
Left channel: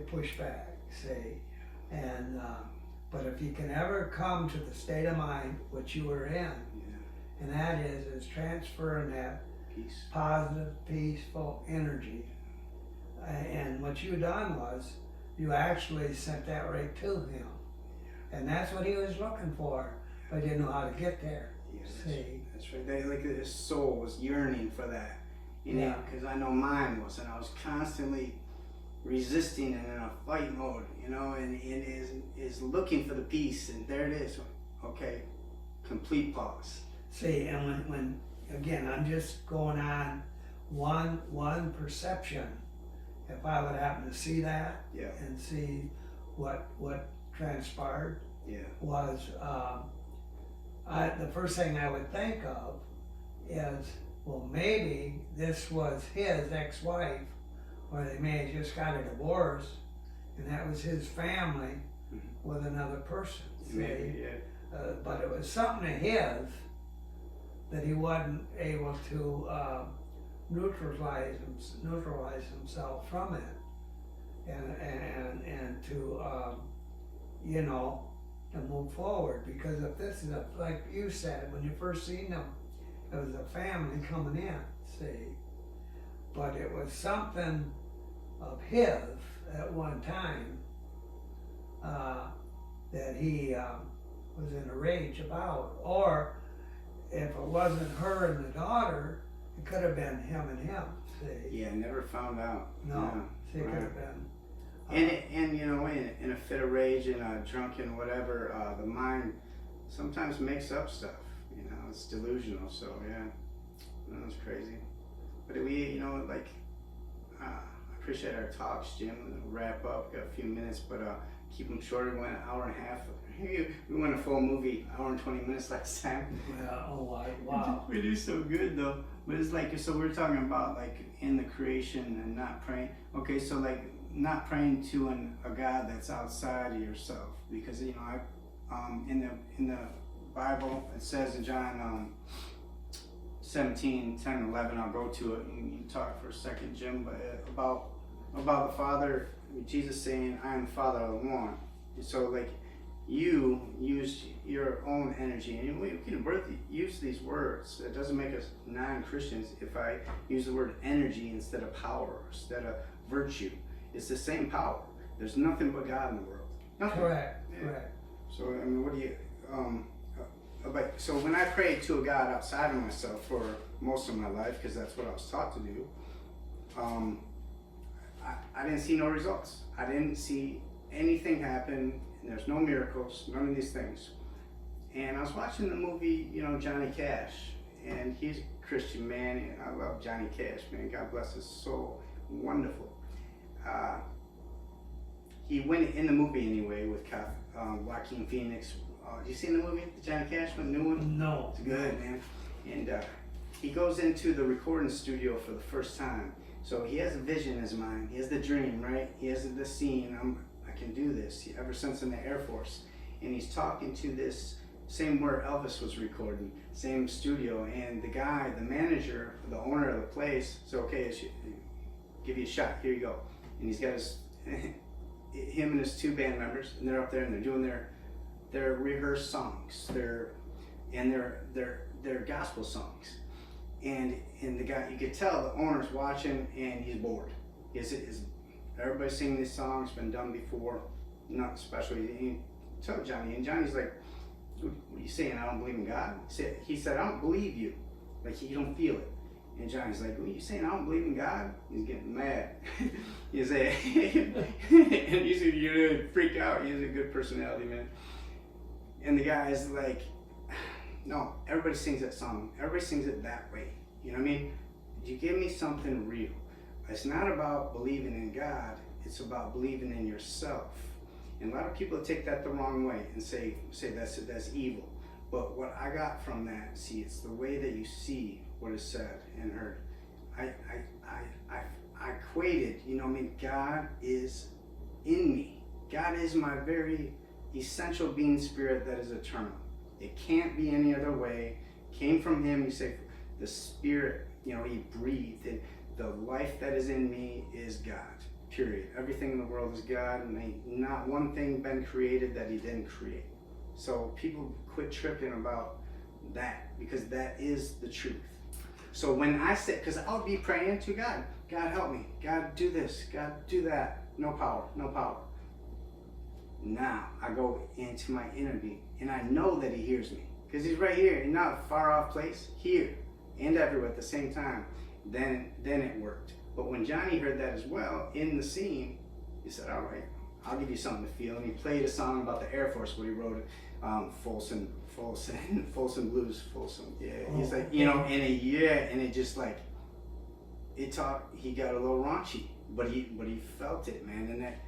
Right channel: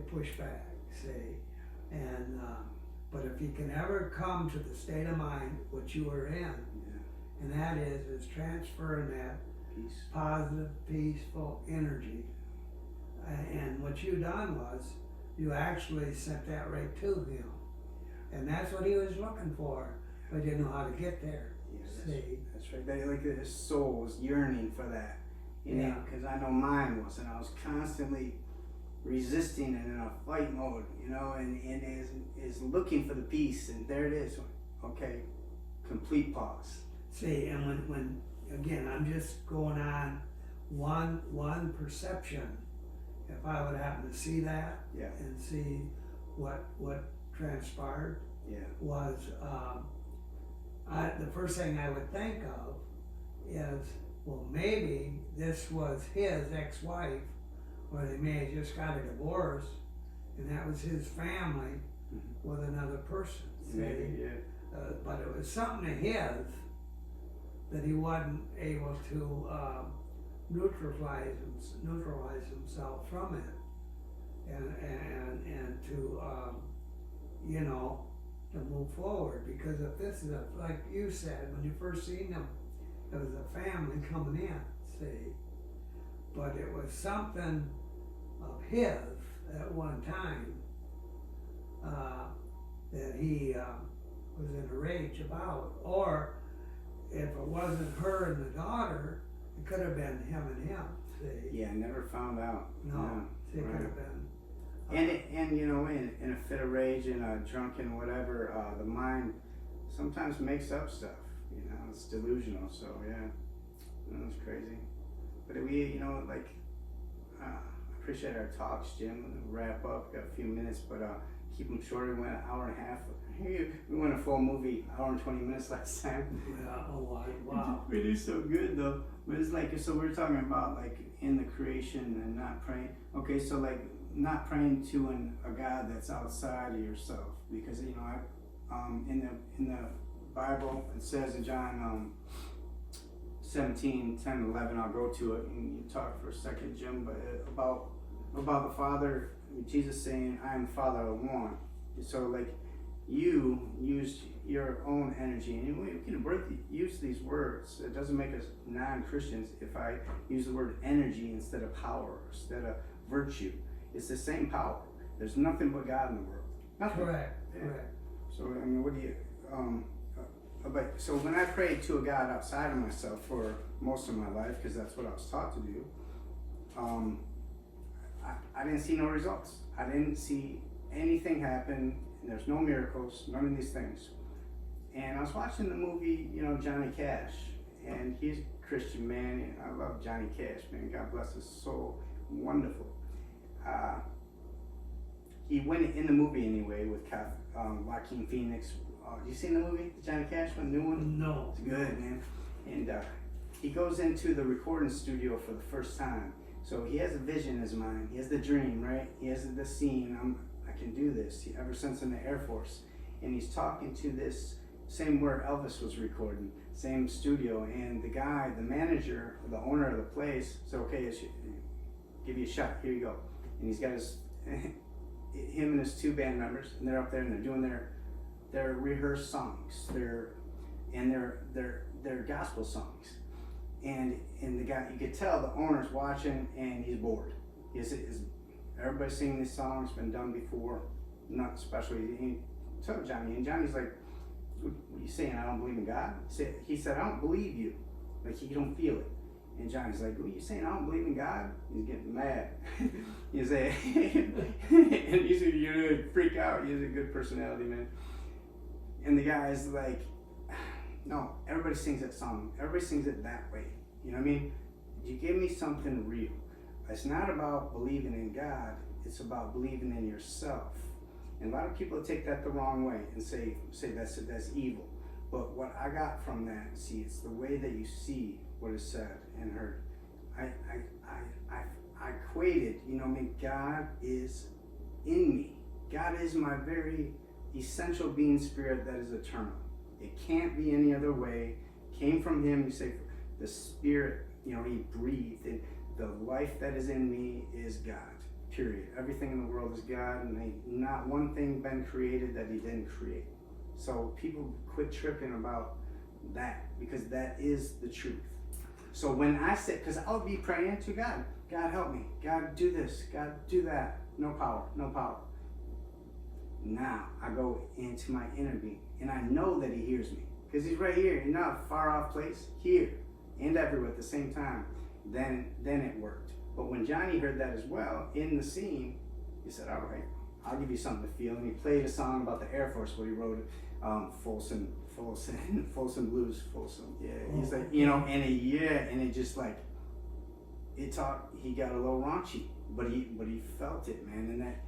push back, see, and but if you can ever come to the state of mind which you were in, and that is transferring that Peace. positive, peaceful energy. And what you done was, you actually sent that right to him. And that's what he was looking for, but didn't know how to get there. Yeah, See? that's right. They, like his soul was yearning for that. Yeah. Because I know mine was, and I was constantly resisting and in a fight mode, and is looking for the peace, and there it is. Okay, complete pause. See, and when again, I'm just going on one perception. If I would happen to see that Yeah. and see what transpired, Yeah. was the first thing I would think of is, well, maybe this was his ex-wife, or they may have just got a divorce, and that was his family with another person. See? Maybe, yeah. But it was something of his that he wasn't able to neutralize himself from it, and to to move forward. Because if this is like you said when you first seen them, it was a family coming in. See, but it was something of his at one time that he was in a rage about, or if it wasn't her and the daughter, it could have been him and him. See? Yeah, never found out. No, Yeah, see, it could right. have been. And in a fit of rage and a drunken whatever, the mind sometimes makes up stuff. It's delusional. So yeah, it's crazy. But we, I appreciate our talks, Jim. We'll wrap up. Got a few minutes, but keep them short. We went an hour and a half. We went a full movie, hour and 20 minutes last time. Yeah, wow. We do so good though. But it's like, so we're talking about like in the creation and not praying. Okay, so like not praying to a God that's outside of yourself, because in the Bible it says in John 17, 10, 11. I'll go to it and you talk for a second, Jim, but about the Father. Jesus saying, "I am the Father of one." So like, you used your own energy, and we can use these words. It doesn't make us non-Christians if I use the word energy instead of power, instead of virtue. It's the same power. There's nothing but God in the world. Nothing. Correct. Yeah. Correct. So what do you? But so when I prayed to a God outside of myself for most of my life, because that's what I was taught to do, I didn't see no results. I didn't see anything happen. There's no miracles, none of these things. And I was watching the movie, Johnny Cash, and he's a Christian man, and I love Johnny Cash, man. God bless his soul. Wonderful. He went in the movie anyway with Joaquin Phoenix. You seen the movie, the Johnny Cash one, new one? No. It's good, man. And he goes into the recording studio for the first time. So he has a vision in his mind. He has the dream, right? He has the scene. I can do this. Ever since in the Air Force, and he's talking to this same where Elvis was recording, same studio, and the guy, the manager, the owner of the place, said, "Okay, give you a shot. Here you go." And he's got him and his two band members, and they're up there and they're doing their rehearsed songs, their gospel songs, and the guy, you could tell the owner's watching and he's bored. Everybody's singing these songs, been done before, not especially. He told Johnny, and Johnny's like, "What are you saying? I don't believe in God?" He said, "I don't believe you, like you don't feel it." And Johnny's like, "What are you saying? I don't believe in God?" He's getting mad. You say, and usually you freak out. He's a good personality, man. And the guy's like, "No, everybody sings that song. Everybody sings it that way. You know what I mean? You give me something real. It's not about believing in God. It's about believing in yourself." And a lot of people take that the wrong way and say that's evil. But what I got from that, see, it's the way that you see what is said and heard. I equated, God is in me. God is my very essential being spirit that is eternal. It can't be any other way. Came from him. You say the spirit, he breathed. And the life that is in me is God. Period. Everything in the world is God, and ain't not one thing been created that he didn't create. So people quit tripping about that, because that is the truth. So when I say, because I would be praying to God, "God help me, God do this, God do that," no power, no power. Now I go into my inner being, and I know that he hears me because he's right here, and not a far off place, here and everywhere at the same time. Then it worked. But when Johnny heard that as well in the scene, he said, "All right, I'll give you something to feel." And he played a song about the Air Force, what he wrote, Folsom Blues, Folsom. Yeah, he's like, you know, and it just like it taught. He got a little raunchy, but he felt it, man, and that.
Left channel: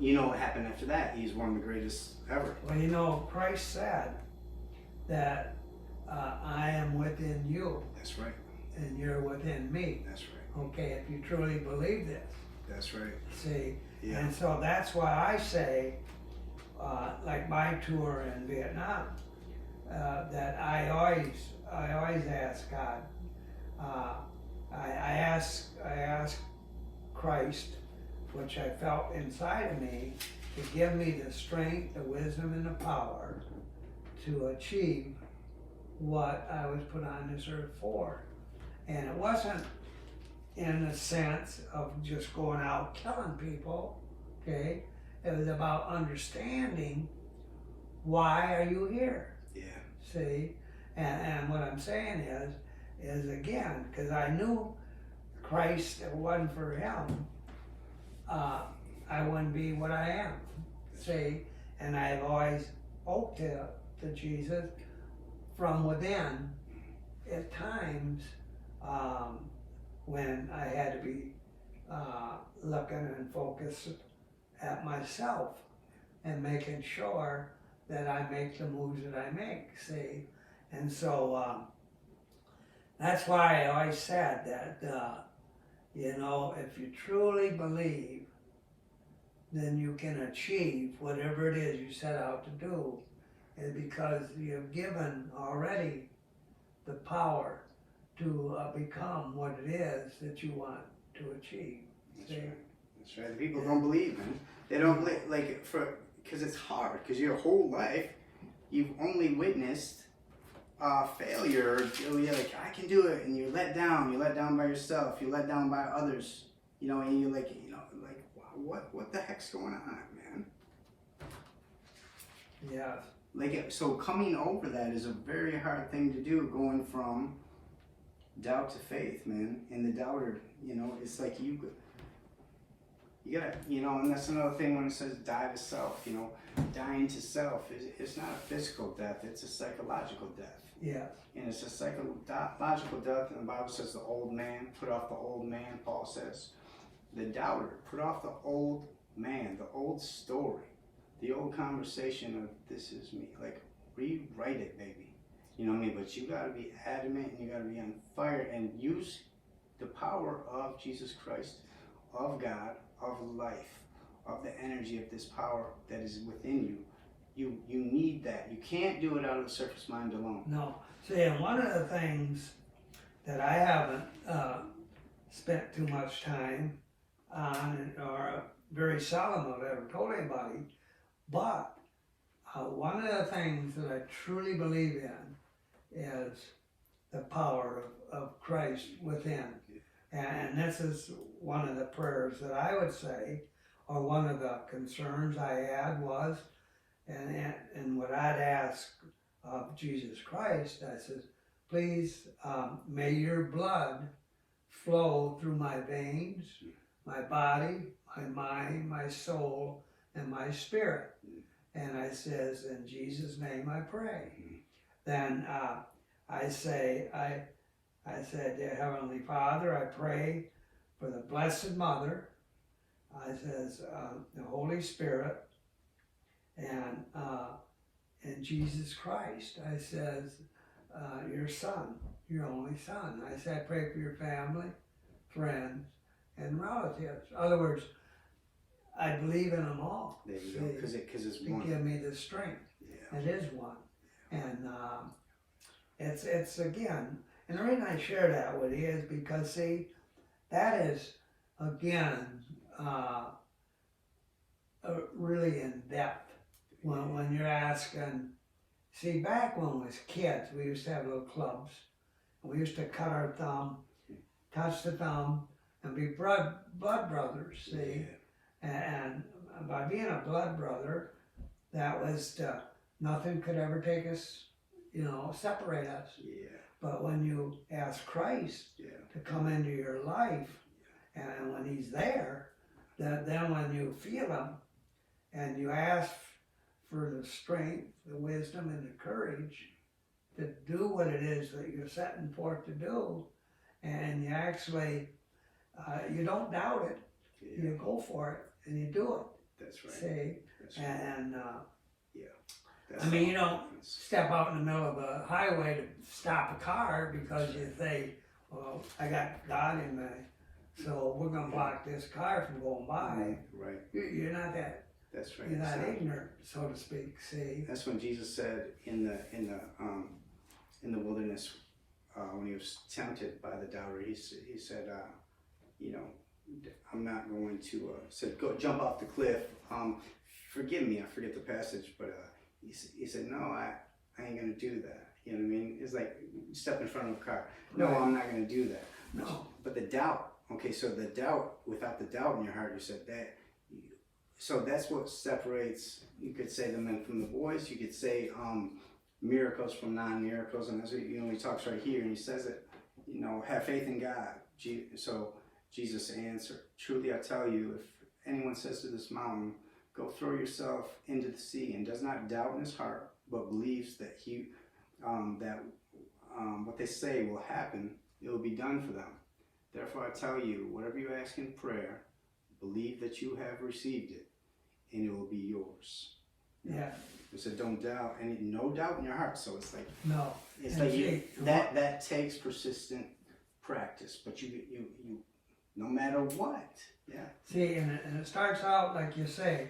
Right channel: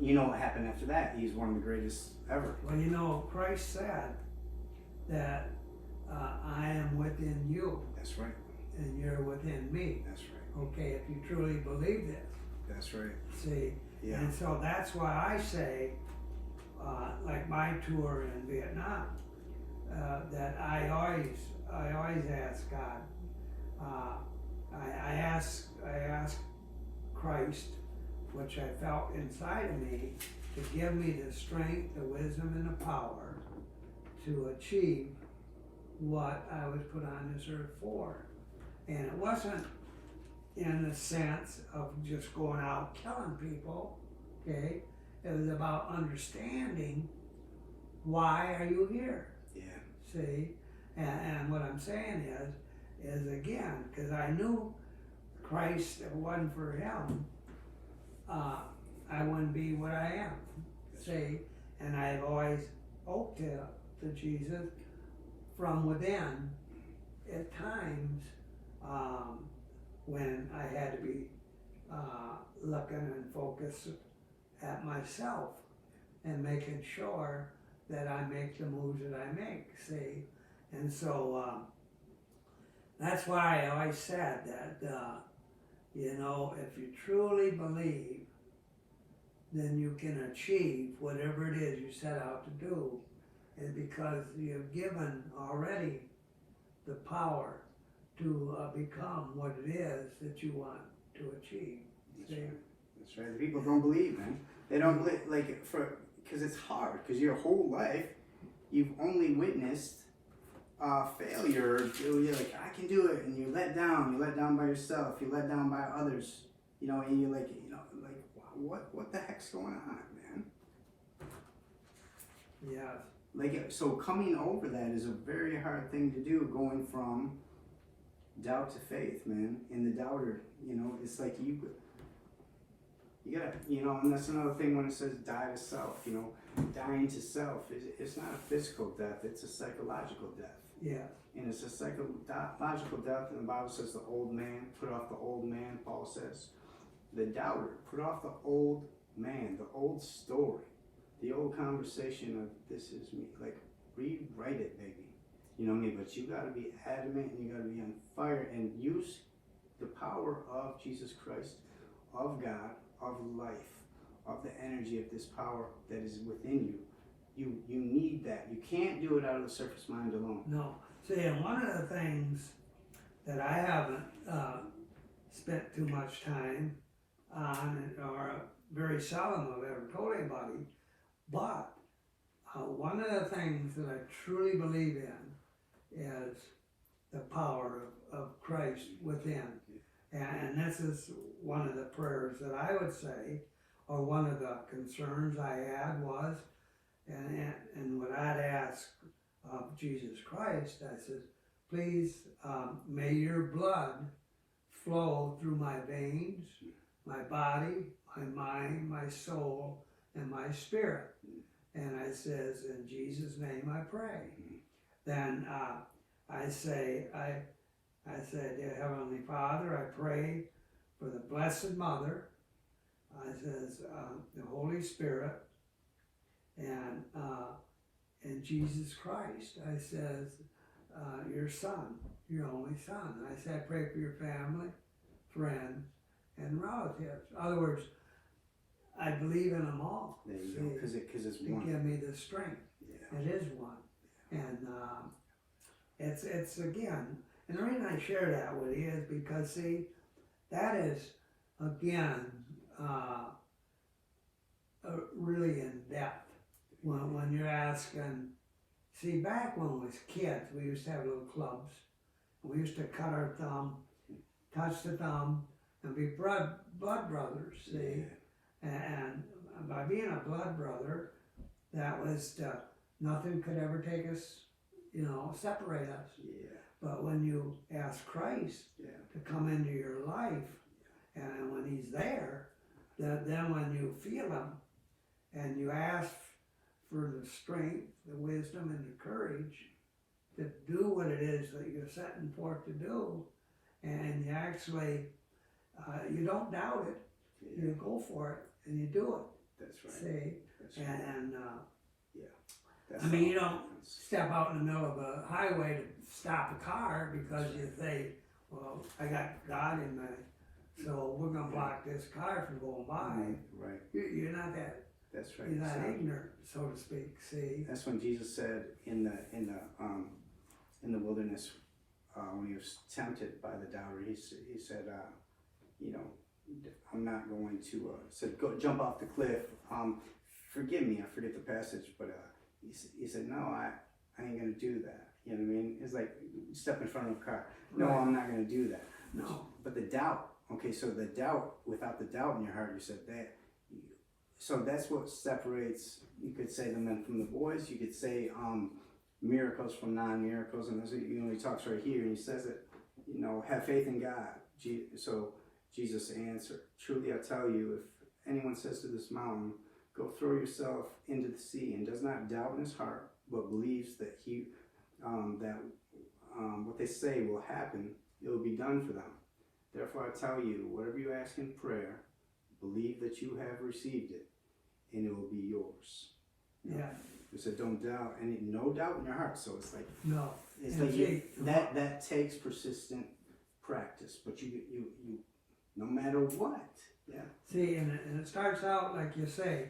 You know what happened after that? He's one of the greatest ever. Well, you know, Christ said that I am within you. That's right. And you're within me. That's right. Okay, if you truly believe this. That's right. See? Yeah. And so that's why I say, like my tour in Vietnam, that I always ask God. I ask Christ, which I felt inside of me, to give me the strength, the wisdom, and the power to achieve what I was put on this earth for. And it wasn't in the sense of just going out killing people, okay? It was about understanding, why are you here? Yeah. See? And what I'm saying is again, because I knew Christ, if it wasn't for him, I wouldn't be what I am. See? And I've always spoke to Jesus from within at times when I had to be looking and focused at myself and making sure that I make the moves that I make, see? And so that's why I always said that, you know, if you truly believe, then you can achieve whatever it is you set out to do, and because you've given already the power to become what it is that you want to achieve. That's right. That's right. The people don't believe, man. They don't believe, like, because it's hard, because your whole life, you've only witnessed failure. You're like, I can do it, and you're let down by yourself, you're let down by others, you know, and you're like, you know, like, what the heck's going on, man? Yeah. Like, so coming over that is a very hard thing to do, going from doubt to faith, man. And the doubter, you know, it's like you gotta, you know, and that's another thing when it says die to self, you know, dying to self, it's not a physical death, it's a psychological death. Yeah. And it's a psychological death, and the Bible says the old man, put off the old man, Paul says. The doubter, put off the old man, the old story, the old conversation of this is me. Like, rewrite it, baby. You know what I mean? But you gotta be adamant, and you gotta be on fire, and use the power of Jesus Christ, of God, of life, of the energy of this power that is within you. You need that. You can't do it out of the surface mind alone. No. See, and one of the things that I haven't spent too much time on, or very seldom I've ever told anybody, but one of the things that I truly believe in is the power of Christ within. And this is one of the prayers that I would say, or one of the concerns I had was, and what I'd ask of Jesus Christ, I says, please, may your blood flow through my veins, my body, my mind, my soul, and my spirit. And I says, in Jesus' name I pray. Then I said, dear Heavenly Father, I pray for the Blessed Mother. I says, the Holy Spirit, and Jesus Christ. I says, your Son, your only Son. I said, I pray for your family, friends, and relatives. In other words, I believe in them all. There you go, because it's to one. give me the strength. Yeah. It is one. And it's again, and the reason I share that with you is because, see, that is, again, really in depth. When you're asking, see, back when we was kids, we used to have little clubs. And we used to cut our thumb, touch the thumb, and be blood brothers, see? Yeah. by being a blood brother, that was nothing could ever take us, separate us. Yeah. But when you ask Christ to come into your life, and when He's there, then when you feel Him, and you ask for the strength, the wisdom, and the courage to do what it is that you're setting forth to do, and you actually, you don't doubt it, you go for it, and you do it. That's right. See? That's right. And, That's I mean, all you don't happens. step out in the middle of a highway to stop a car because you say, well, I got God in me, so we're going to block this car from going by. Right. You're not that, That's right. you're not So ignorant, so to speak, see? that's when Jesus said in the wilderness, when he was tempted by the doubter, he said, I'm not going to, said, go jump off the cliff. Forgive me, I forget the passage, but he said, no, I ain't gonna do that. You know what I mean? It's like step in front of a car. No, Right. I'm not gonna do that. No. But the doubt, okay, so the doubt, without the doubt in your heart, you said that. So that's what separates, you could say, the men from the boys. You could say miracles from non-miracles. And as he talks right here, and he says it, have faith in God. So Jesus answered, truly I tell you, if anyone says to this mountain, go throw yourself into the sea, and does not doubt in his heart, but believes that what they say will happen, it will be done for them. Therefore I tell you, whatever you ask in prayer, believe that you have received it, and it will be yours. Yeah. It said, don't doubt, and no doubt in your heart. So it's like, No. it's And like see, that takes persistent practice. But you no matter what, yeah. See, and it starts out, like you say,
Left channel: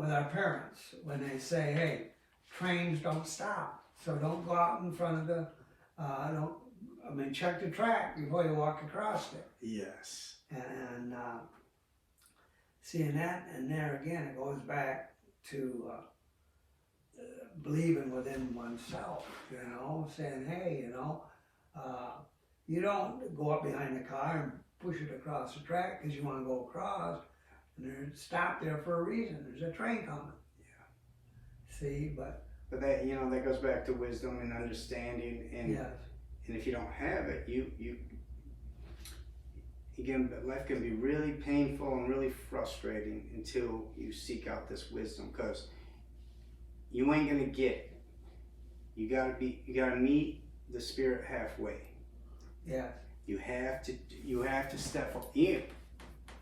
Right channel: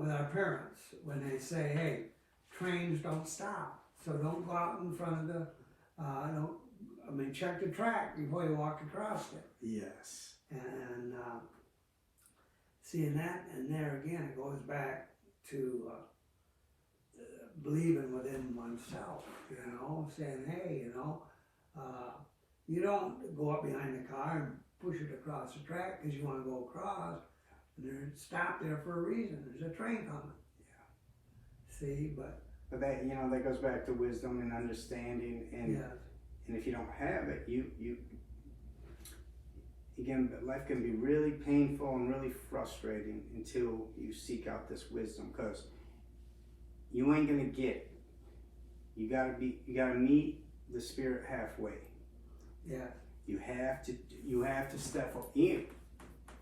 with our parents, when they say, hey, trains don't stop, so don't go out in front of the, check the track before you walk across it. Yes. And seeing that, and there again, it goes back to believing within oneself, saying, hey, you don't go up behind the car and push it across the track because you want to go across, and they're stopped there for a reason. There's a train coming. Yeah. See, but that that goes back to wisdom and understanding, and yes. and if you don't have it, you again, life can be really painful and really frustrating until you seek out this wisdom, because you ain't gonna get it. You gotta meet the Spirit halfway. Yeah. You have to step up in,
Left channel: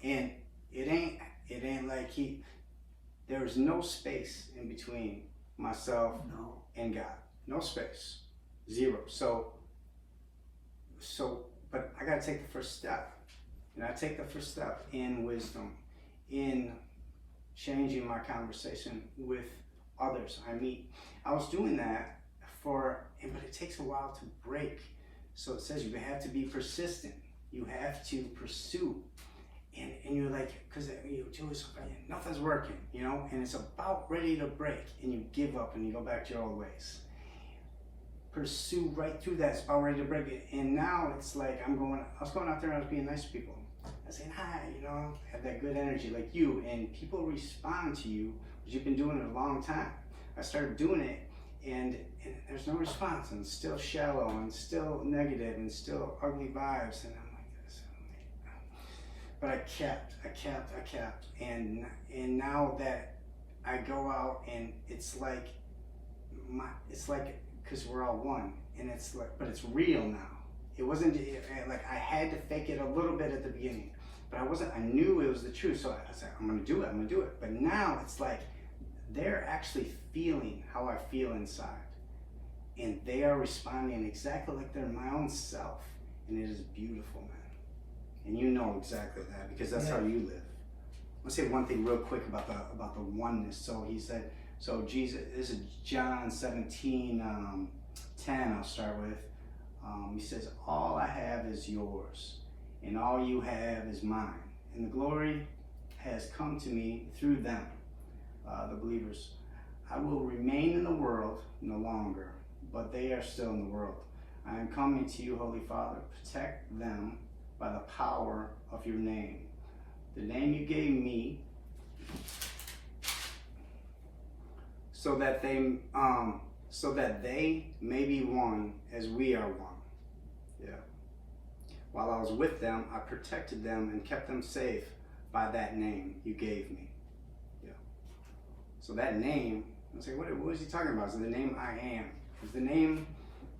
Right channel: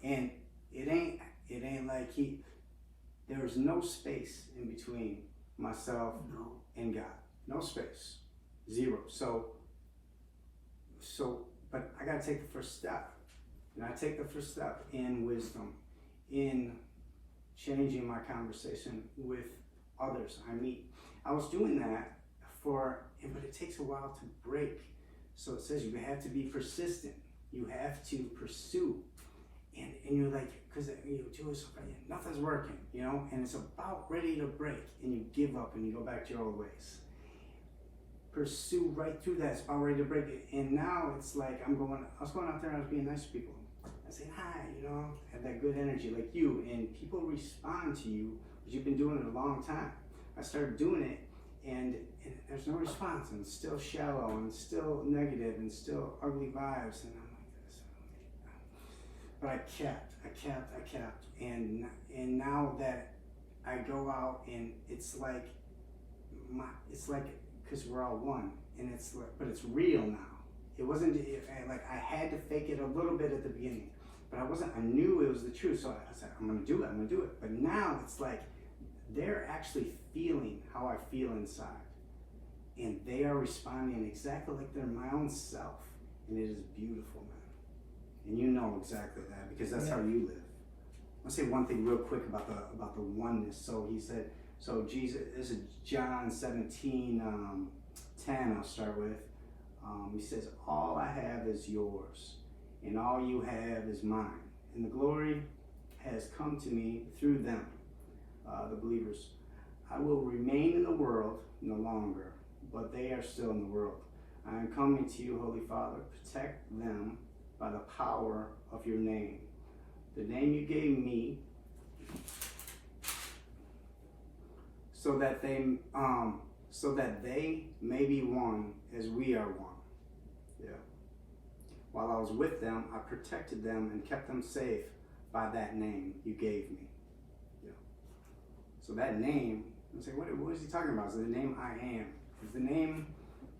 and it ain't like there is no space in between myself and God. No space. Zero. So but I gotta take the first step. And I take the first step in wisdom, in changing my conversation with others I meet. I was doing that but it takes a while to break. So it says you have to be persistent. You have to pursue. And you're like, because you do something, nothing's working, and it's about ready to break, and you give up and you go back to your old ways. Pursue right through that. It's about ready to break it. And now it's like I was going out there and I was being nice to people. I was saying hi, have that good energy like you, and people respond to you, because you've been doing it a long time. I started doing it, and there's no response, and it's still shallow, and still negative, and still ugly vibes, and I'm like this. But I kept, and now that I go out, and it's like because we're all one, and it's like, but it's real now. It wasn't like I had to fake it a little bit at the beginning, but I knew it was the truth, so I said, I'm gonna do it. But now it's like they're actually feeling how I feel inside, and they are responding exactly like they're my own self, and it is beautiful, man. And you know exactly that, because that's how you live. I'll say one thing real quick about the oneness. So he said, so Jesus, this is John 17, 10, I'll start with. He says, all I have is yours, and all you have is mine. And the glory has come to me through them, the believers. I will remain in the world no longer, but they are still in the world. I am coming to you, Holy Father. Protect them by the power of your name. The name you gave me, so that they may be one as we are one. Yeah. While I was with them, I protected them and kept them safe by that name you gave me. Yeah. So that name, I say, what is he talking about? Is the name I am? Is the name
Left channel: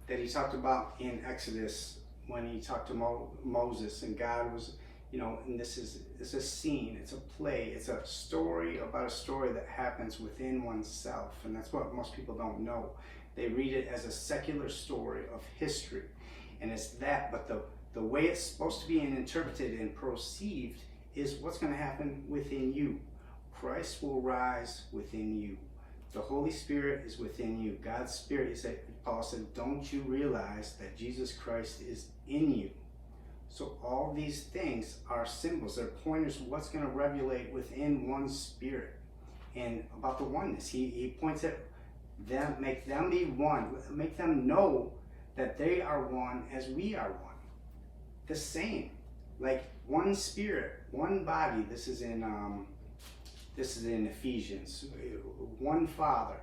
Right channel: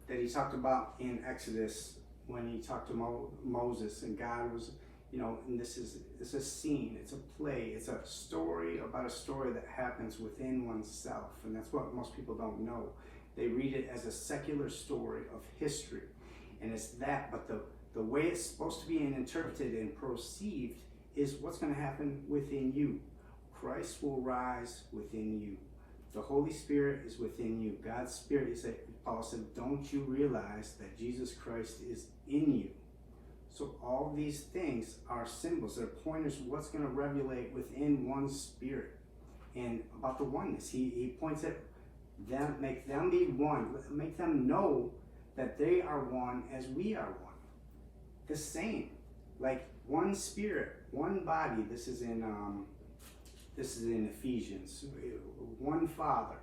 that he talked about in Exodus when he talked to Moses, and God was, and it's a scene, it's a play, it's a story about a story that happens within oneself, and that's what most people don't know. They read it as a secular story of history, and it's that, but the way it's supposed to be interpreted and perceived is what's going to happen within you. Christ will rise within you. The Holy Spirit is within you. God's Spirit, Paul said, don't you realize that Jesus Christ is in you? So all these things are symbols. They're pointers of what's going to revelate within one's spirit. And about the oneness, he points at them, make them be one, make them know that they are one as we are one. The same, like one spirit, one body. This is in Ephesians. One Father,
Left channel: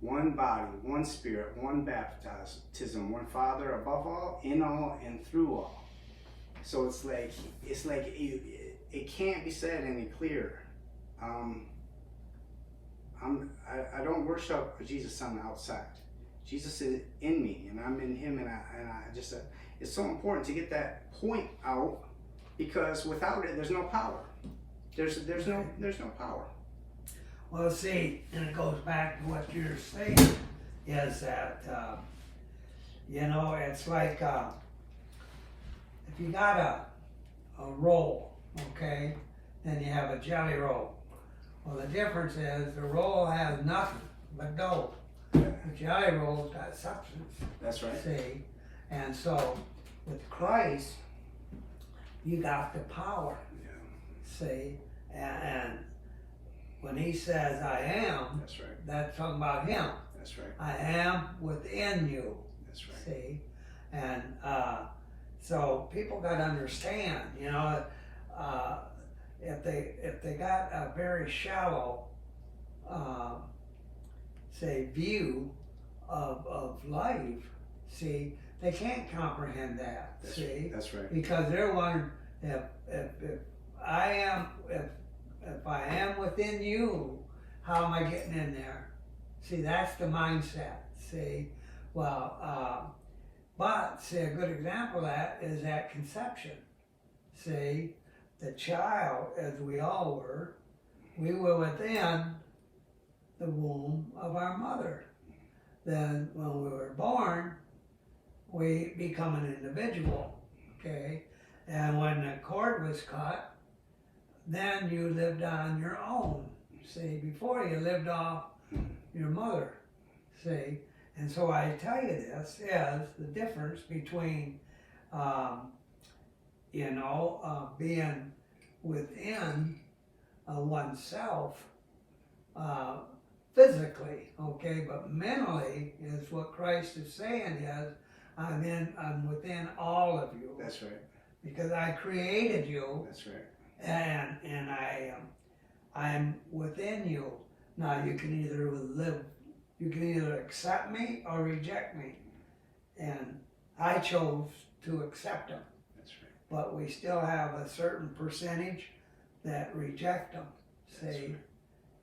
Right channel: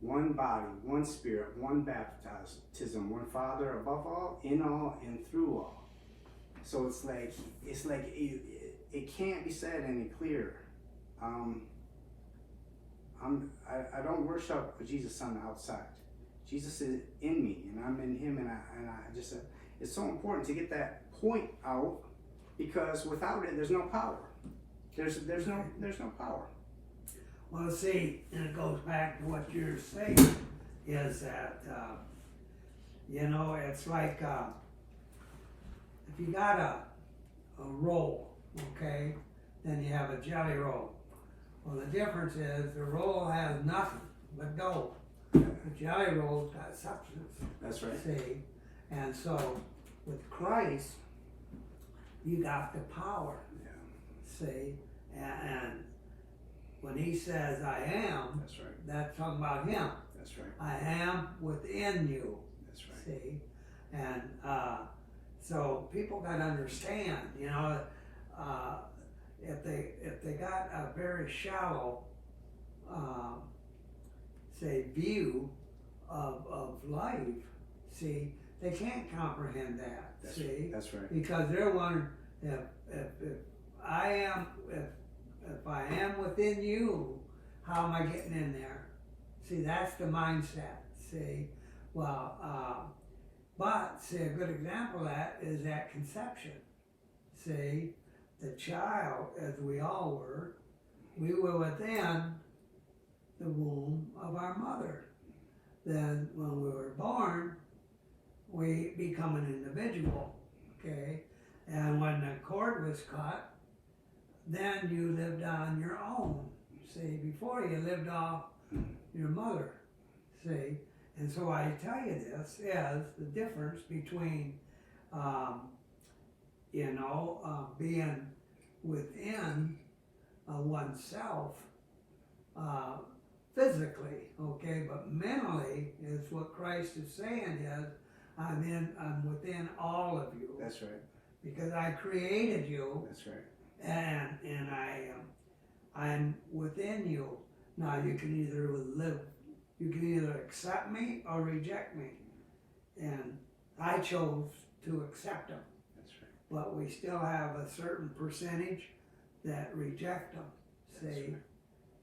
one body, one Spirit, one baptism, one Father above all, in all, and through all. So it's like it can't be said any clearer. I don't worship Jesus on the outside. Jesus is in me, and I'm in Him, and I just it's so important to get that point out, because without it, there's no power. There's no power. Well, see, and it goes back to what you're saying, is that, it's like, if you got a roll, okay, then you have a jelly roll. Well, the difference is the roll has nothing but dough. The jelly roll's got substance. That's right. See, and so with Christ, you got the power. Yeah. See, and when he says I am, that's right. That's talking about him. That's right. I am within you. That's right. See, and so people got to understand, if they got a very shallow, view of life, see, they can't comprehend that. That's see, right. That's right. Because they're wondering if I am within you, how am I getting in there? See, that's the mindset. See, well, but see, a good example of that is at conception. See, the child, as we all were, we were within the womb of our mother. Then when we were born, we become an individual, okay? And when the cord was cut, then you lived on your own. See, before you lived off your mother. See, and so I tell you this is the difference between, being within oneself physically, okay, but mentally is what Christ is saying is, I'm within all of you. That's right. Because I created you. That's right. And I am within you. Now you can either accept me or reject me. And I chose to accept them. That's right. But we still have a certain percentage that reject them. See? That's right.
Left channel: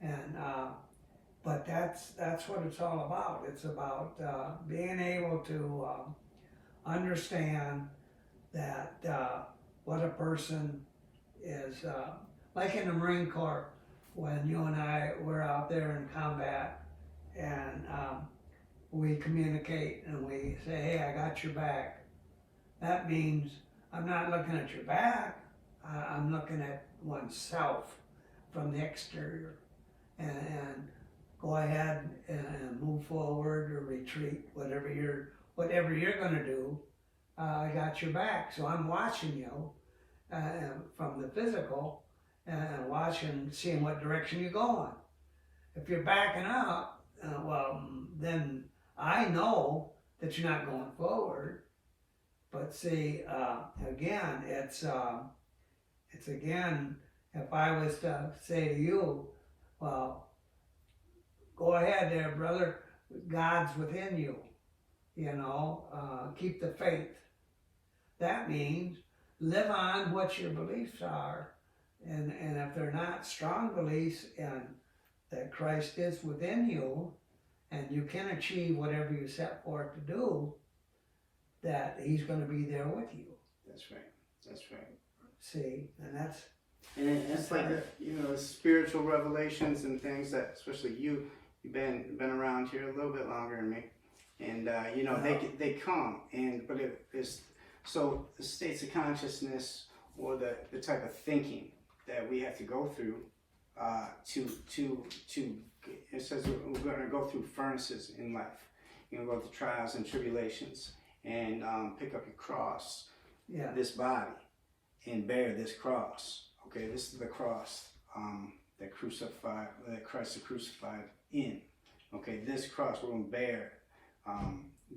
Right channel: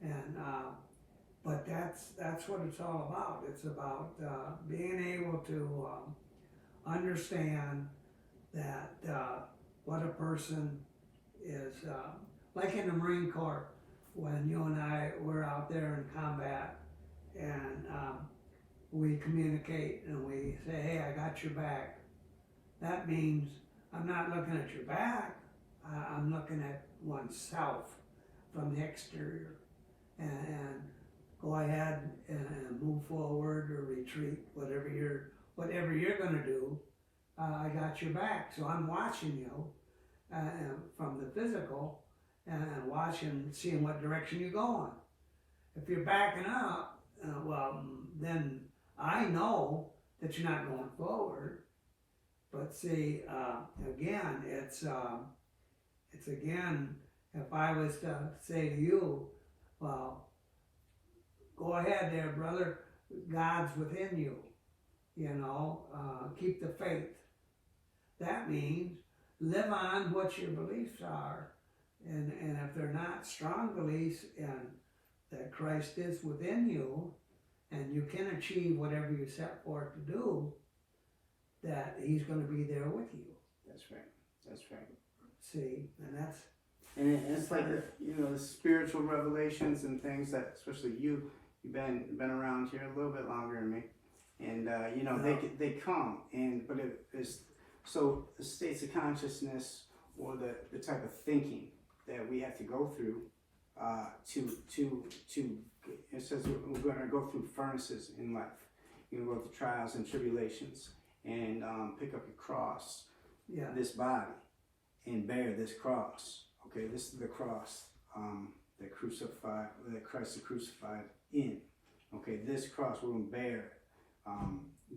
And but that's what it's all about. It's about being able to understand that what a person is, like in the Marine Corps, when you and I were out there in combat, and we communicate and we say, hey, I got your back. That means I'm not looking at your back, I'm looking at oneself from the exterior, and go ahead and move forward or retreat, whatever you're going to do. I got your back, so I'm watching you from the physical and watching, seeing what direction you're going. If you're backing up, then I know that you're not going forward. But see, again, it's again, if I was to say to you, well, go ahead there, brother. God's within you. Keep the faith. That means live on what your beliefs are. And if they're not strong beliefs and that Christ is within you and you can achieve whatever you set forth to do, that he's going to be there with you. That's right. That's right. See, and that's... And it's like, spiritual revelations and things that, especially you've been around here a little bit longer than me. And, they come, but it is, so the states of consciousness or the type of thinking that we have to go through it says we're going to go through furnaces in life. You're going to go through trials and tribulations and pick up your cross, this body, and bear this cross. Okay, this is the cross that Christ is crucified in. Okay, this cross we're going to bear,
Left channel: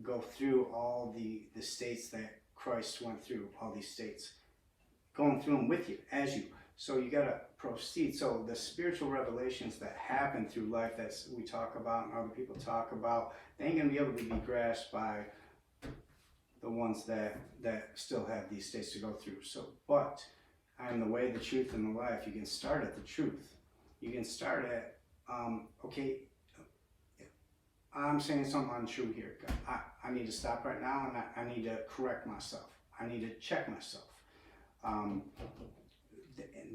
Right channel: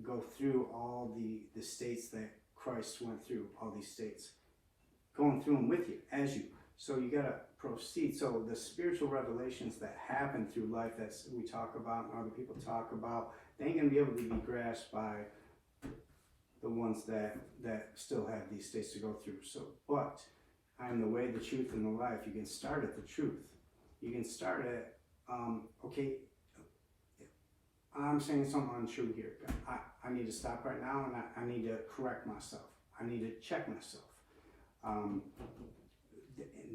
go through all the states that Christ went through, all these states, going through them with you, as you. So you got to proceed. So the spiritual revelations that happen through life that we talk about and other people talk about, they ain't going to be able to be grasped by the ones that still have these states to go through. So, but I am the way, the truth, and the life. You can start at the truth. You can start at, okay, I'm saying something untrue here. I need to stop right now, and I need to correct myself. I need to check myself.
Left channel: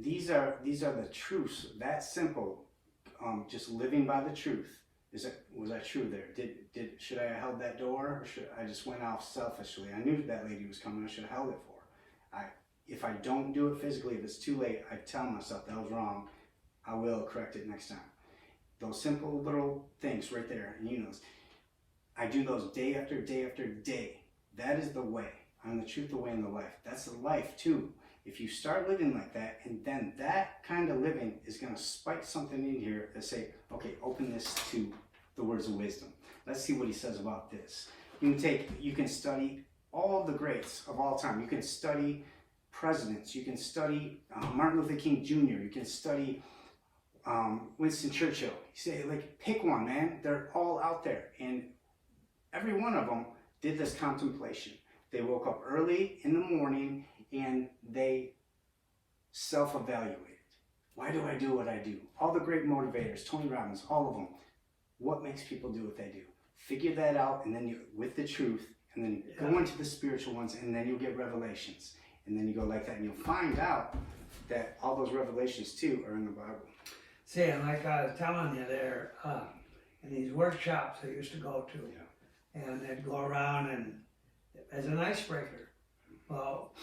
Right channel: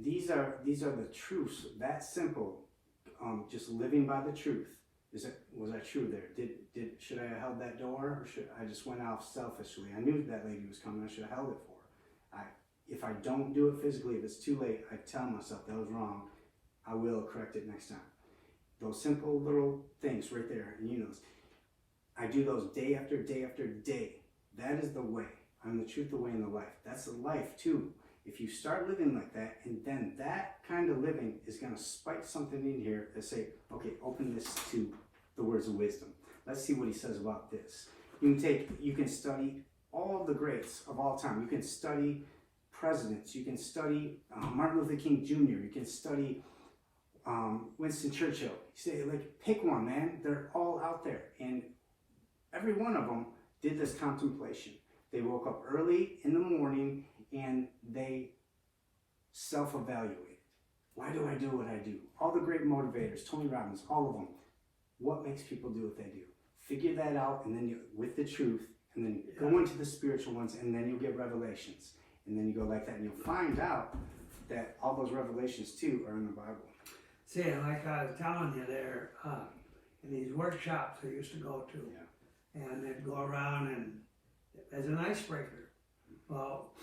These are the truths. That simple. Just living by the truth. Was I true there? Should I have held that door, or should I just went off selfishly? I knew that lady was coming. I should have held it for her. If I don't do it physically, if it's too late, I tell myself that was wrong. I will correct it next time. Those simple little things right there, and I do those day after day after day. That is the way. I'm the truth, the way, and the life. That's the life too. If you start living like that, and then that kind of living is going to spike something in here and say, okay, open this to the words of wisdom. Let's see what he says about this. You can study all the greats of all time. You can study presidents. You can study Martin Luther King Jr. You can study Winston Churchill. You say, pick one, man. They're all out there. And every one of them did this contemplation. They woke up early in the morning and they self-evaluated. Why do I do what I do? All the great motivators, Tony Robbins, all of them. What makes people do what they do? Figure that out, and then with the truth, and then go into the spiritual ones, and then you'll get revelations. And then you go like that, and you'll find out that all those revelations too are in the Bible. See, and like I was telling you there, in these workshops I used to go to, and they'd go around and as an icebreaker. Well,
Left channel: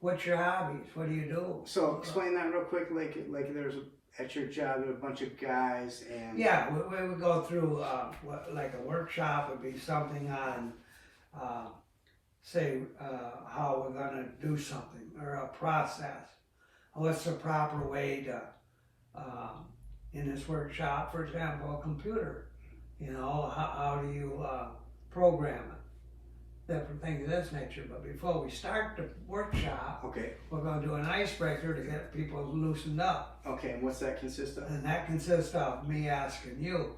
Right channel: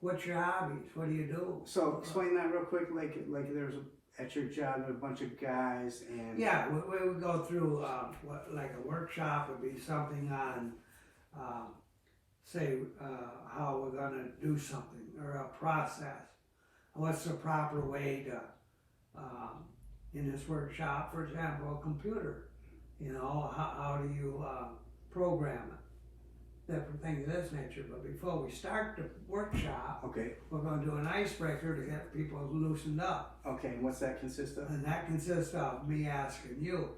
what's your hobbies? What do you do? So explain that real quick. Like there's at your job there's a bunch of guys and we would go through like a workshop would be something on how we're going to do something or a process. What's the proper way to in this workshop, for example, a computer. How do you program it? Different things of this nature. But before we start the workshop, we're going to do an icebreaker to get people loosened up. Okay, and what's that consist of? And that consists of me asking you,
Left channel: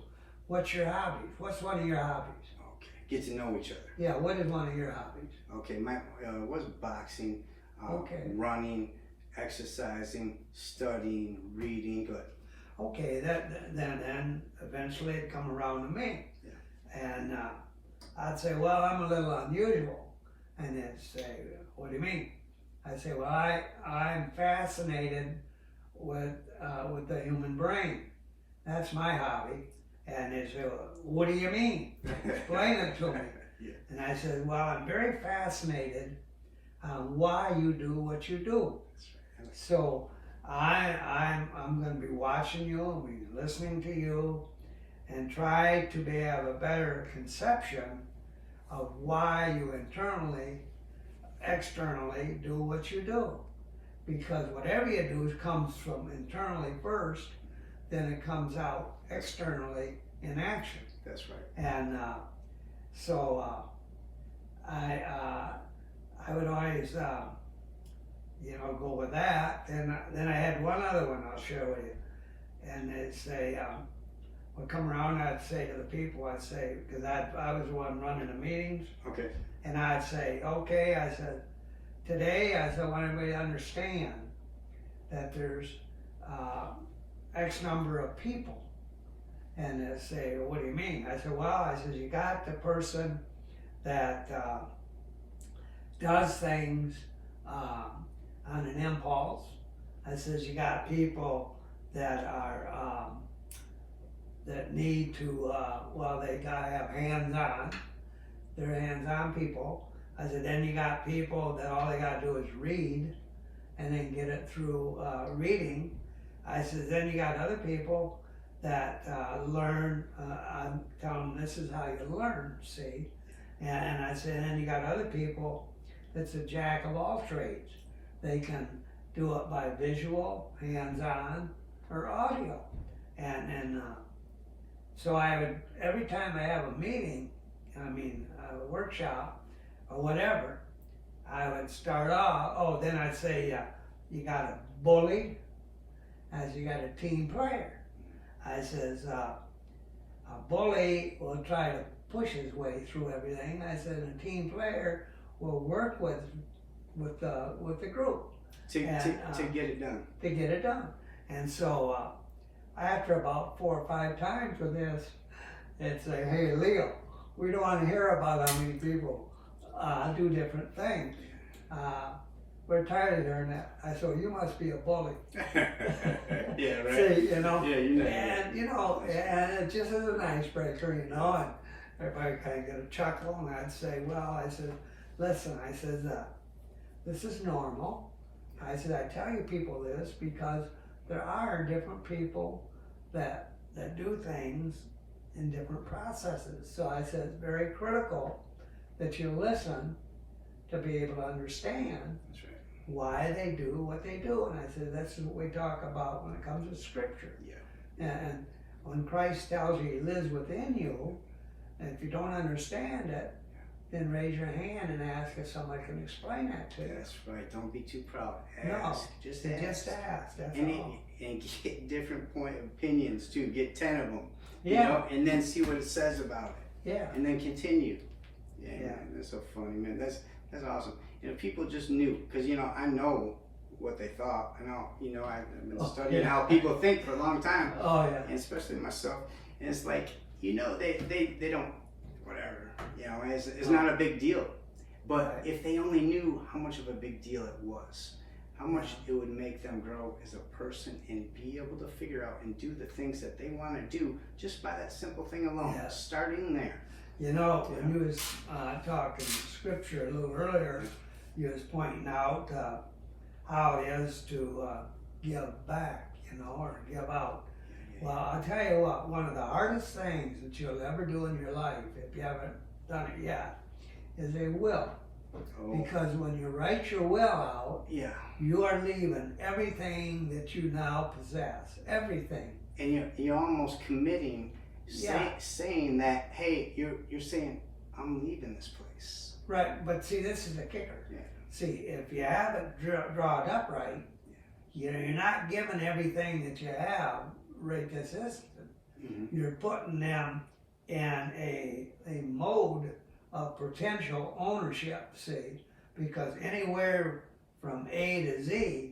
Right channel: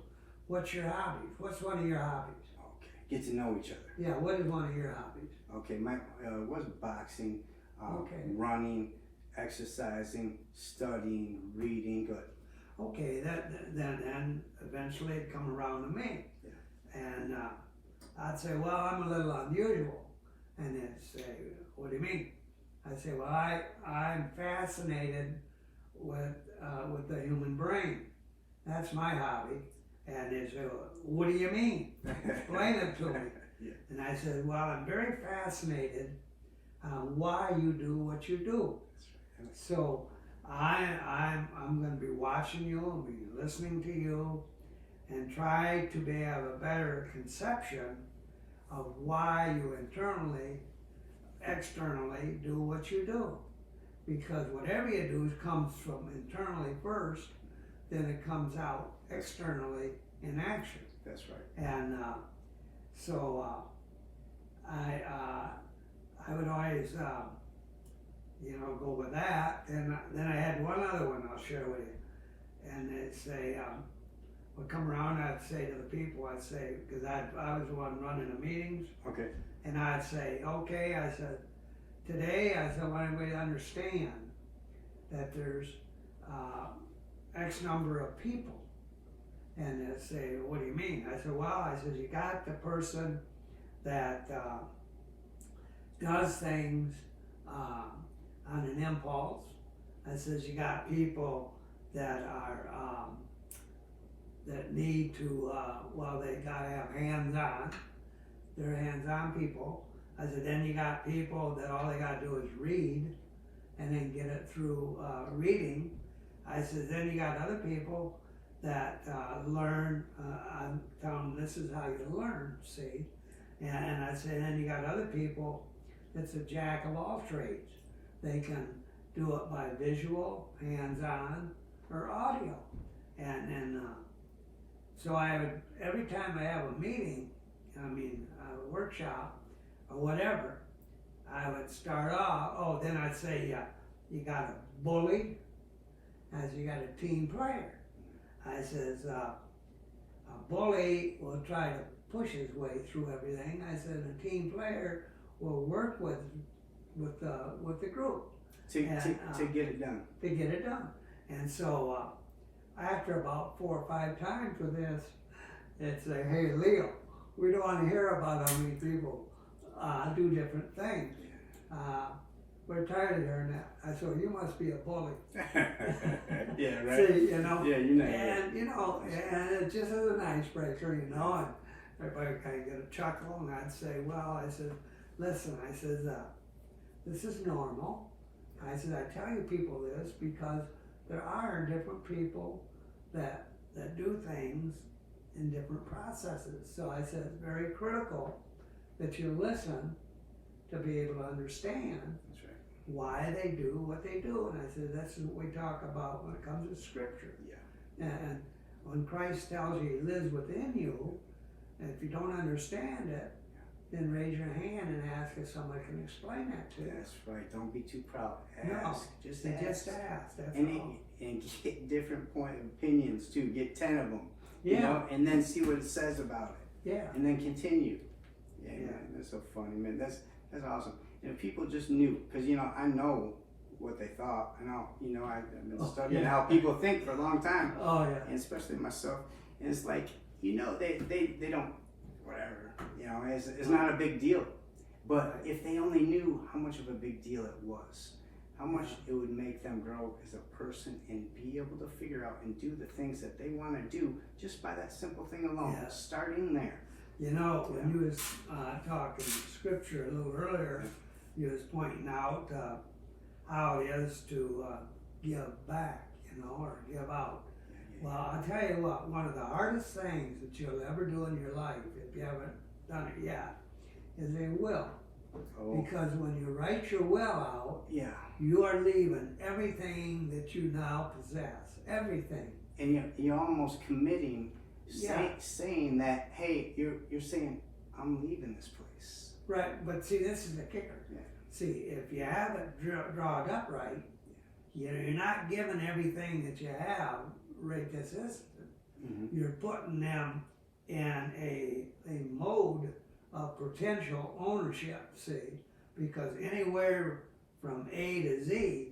what's your hobbies? What's one of your hobbies? Okay, get to know each other. Yeah, what is one of your hobbies? Okay, my was boxing, running, exercising, studying, reading. Good. Okay, then eventually it'd come around to me. Yeah. And I'd say, well, I'm a little unusual. And they'd say, what do you mean? I'd say, well, I'm fascinated with the human brain. That's my hobby. And they'd say, well, what do you mean? Explain it to me. Yeah. And I said, well, I'm very fascinated why you do what you do. That's right. So I'm going to be watching you and be listening to you and try to have a better conception of why you externally do what you do. Because whatever you do comes from internally first, then it comes out externally in action. That's right. And I would always go with that. And then I had one other one I'll share with you. And it's would come around, I'd say to the people, I'd say, because I was the one running the meetings, Okay. and I'd say, okay, I said, today, I said, I want everybody to understand that there's X number of people. And they say, well, what do you mean? I said, well, I said, you got the person that does things on an impulse. I says, you got people that are, that need to, well, they gotta have hands-on. They're hands-on people. I said, then you got people that all they gotta do is read and then get it through reading. I said, then you got other people that learn, I'm telling them this is how you learn, see? And I said, and you got other people that's a jack of all trades. They can do it by visual, hands-on, or audio. And so I would, every time I have a meeting, a workshop, or whatever, I would start off, then I'd say, you got a bully, I said, you got a team player. I says, a bully will try to push his way through everything. I said, a team player will work with the group. To get it done. To get it done. And so, after about 4 or 5 times with this, it's like, hey, Leo, we don't want to hear about how many people do different things. We're tired of hearing that. I said, well, you must be a bully. Yeah, right. See, you know. Yeah, you know. And you know, and it just is an icebreaker, you know. And everybody kind of get a chuckle, and I'd say, well, I said, listen, I said, this is normal. I said, I tell you people this because there are different people that do things in different processes. So I said, it's very critical that you listen to be able to understand. That's right. Why they do what they do. And I said, that's what we talk about when it comes to scripture. Yeah. And when Christ tells you he lives within you, and if you don't understand it, then raise your hand and ask if somebody can explain that to you. That's right. Don't be too proud. Ask. No, just Just ask. ask, that's And, all. and get different point of opinions too. Get 10 of them. Yeah. You know, and then see what it says about it. Yeah. And then continue. Yeah, Yeah. man, that's so funny, man. That's awesome. And if people just knew, because I know what they thought. I know, I've been studying how people think for a long time, Oh, yeah. and especially myself. And it's like, they don't, whatever. It's not a big deal. But Right. if they only knew how much of a big deal it was, how much it would make them grow as a person and be able to figure out and do the things that they want to do just by that simple thing alone, Yeah. starting there. You know, when you was talking scripture a little earlier, you was pointing out how it is to give back, or give out. Well, I'll tell you what, one of the hardest things that you'll ever do in your life, if you haven't done it yet, is a will. Oh, Because when you write your will out, yeah. you are leaving everything that you now possess, everything. And you're almost committing, Yeah. saying that, hey, you're saying, I'm leaving this place. Right, but see, this is the kicker. Yeah. See, if you have it drawn up right, you're not giving everything that you have right this instant. Mm-hmm. You're putting them in a mode of potential ownership, see, because anywhere from A to Z,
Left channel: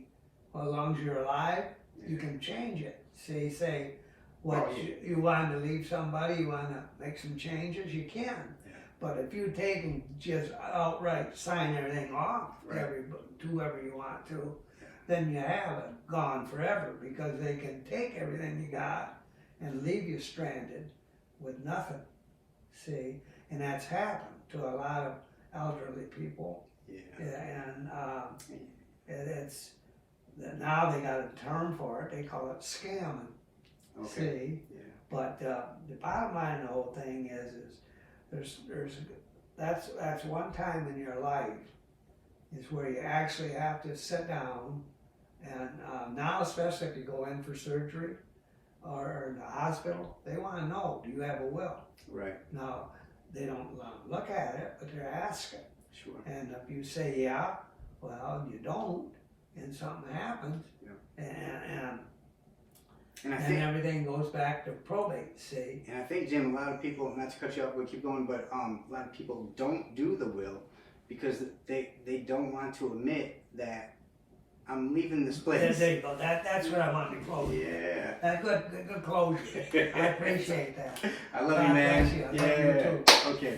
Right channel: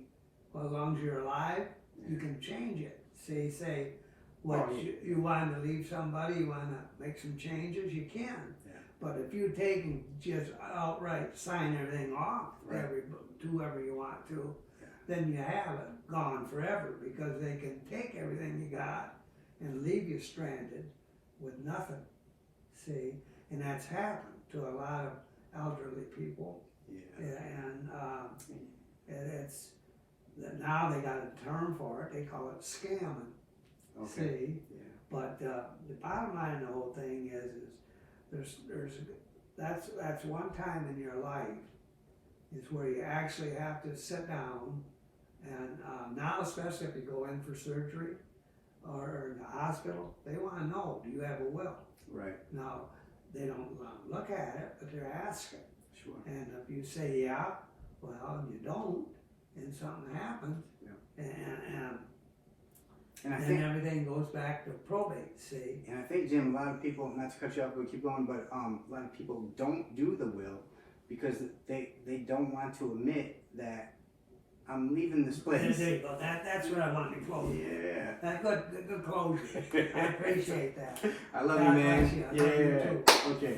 as long as you're alive, you can change it. See, say, what you want to leave somebody, you want to make some changes, you can. Yeah. But if you take and just outright sign everything off, Right. to whoever you want to, then you have it gone forever, because they can take everything you got and leave you stranded with nothing. See, and that's happened to a lot of elderly people. Yeah. And it's now they got a term for it. They call it scamming. Okay. See, Yeah. but the bottom line of the whole thing is that's one time in your life is where you actually have to sit down and now, especially if you go in for surgery or in the hospital, they want to know, do you have a will? Right. Now, they don't look at it, but they're asking. Sure. And if you say yeah, well, you don't, and something happens, Yeah. and And I and think, everything goes back to probate, see? and I think, Jim, a lot of people, not to cut you off, but keep going, but a lot of people don't do the will because they don't want to admit that I'm leaving this place. There you go. That's what I wanted to close. Yeah. That good closure. I appreciate that. I love you, God man. bless you. I love you Yeah. too. Okay.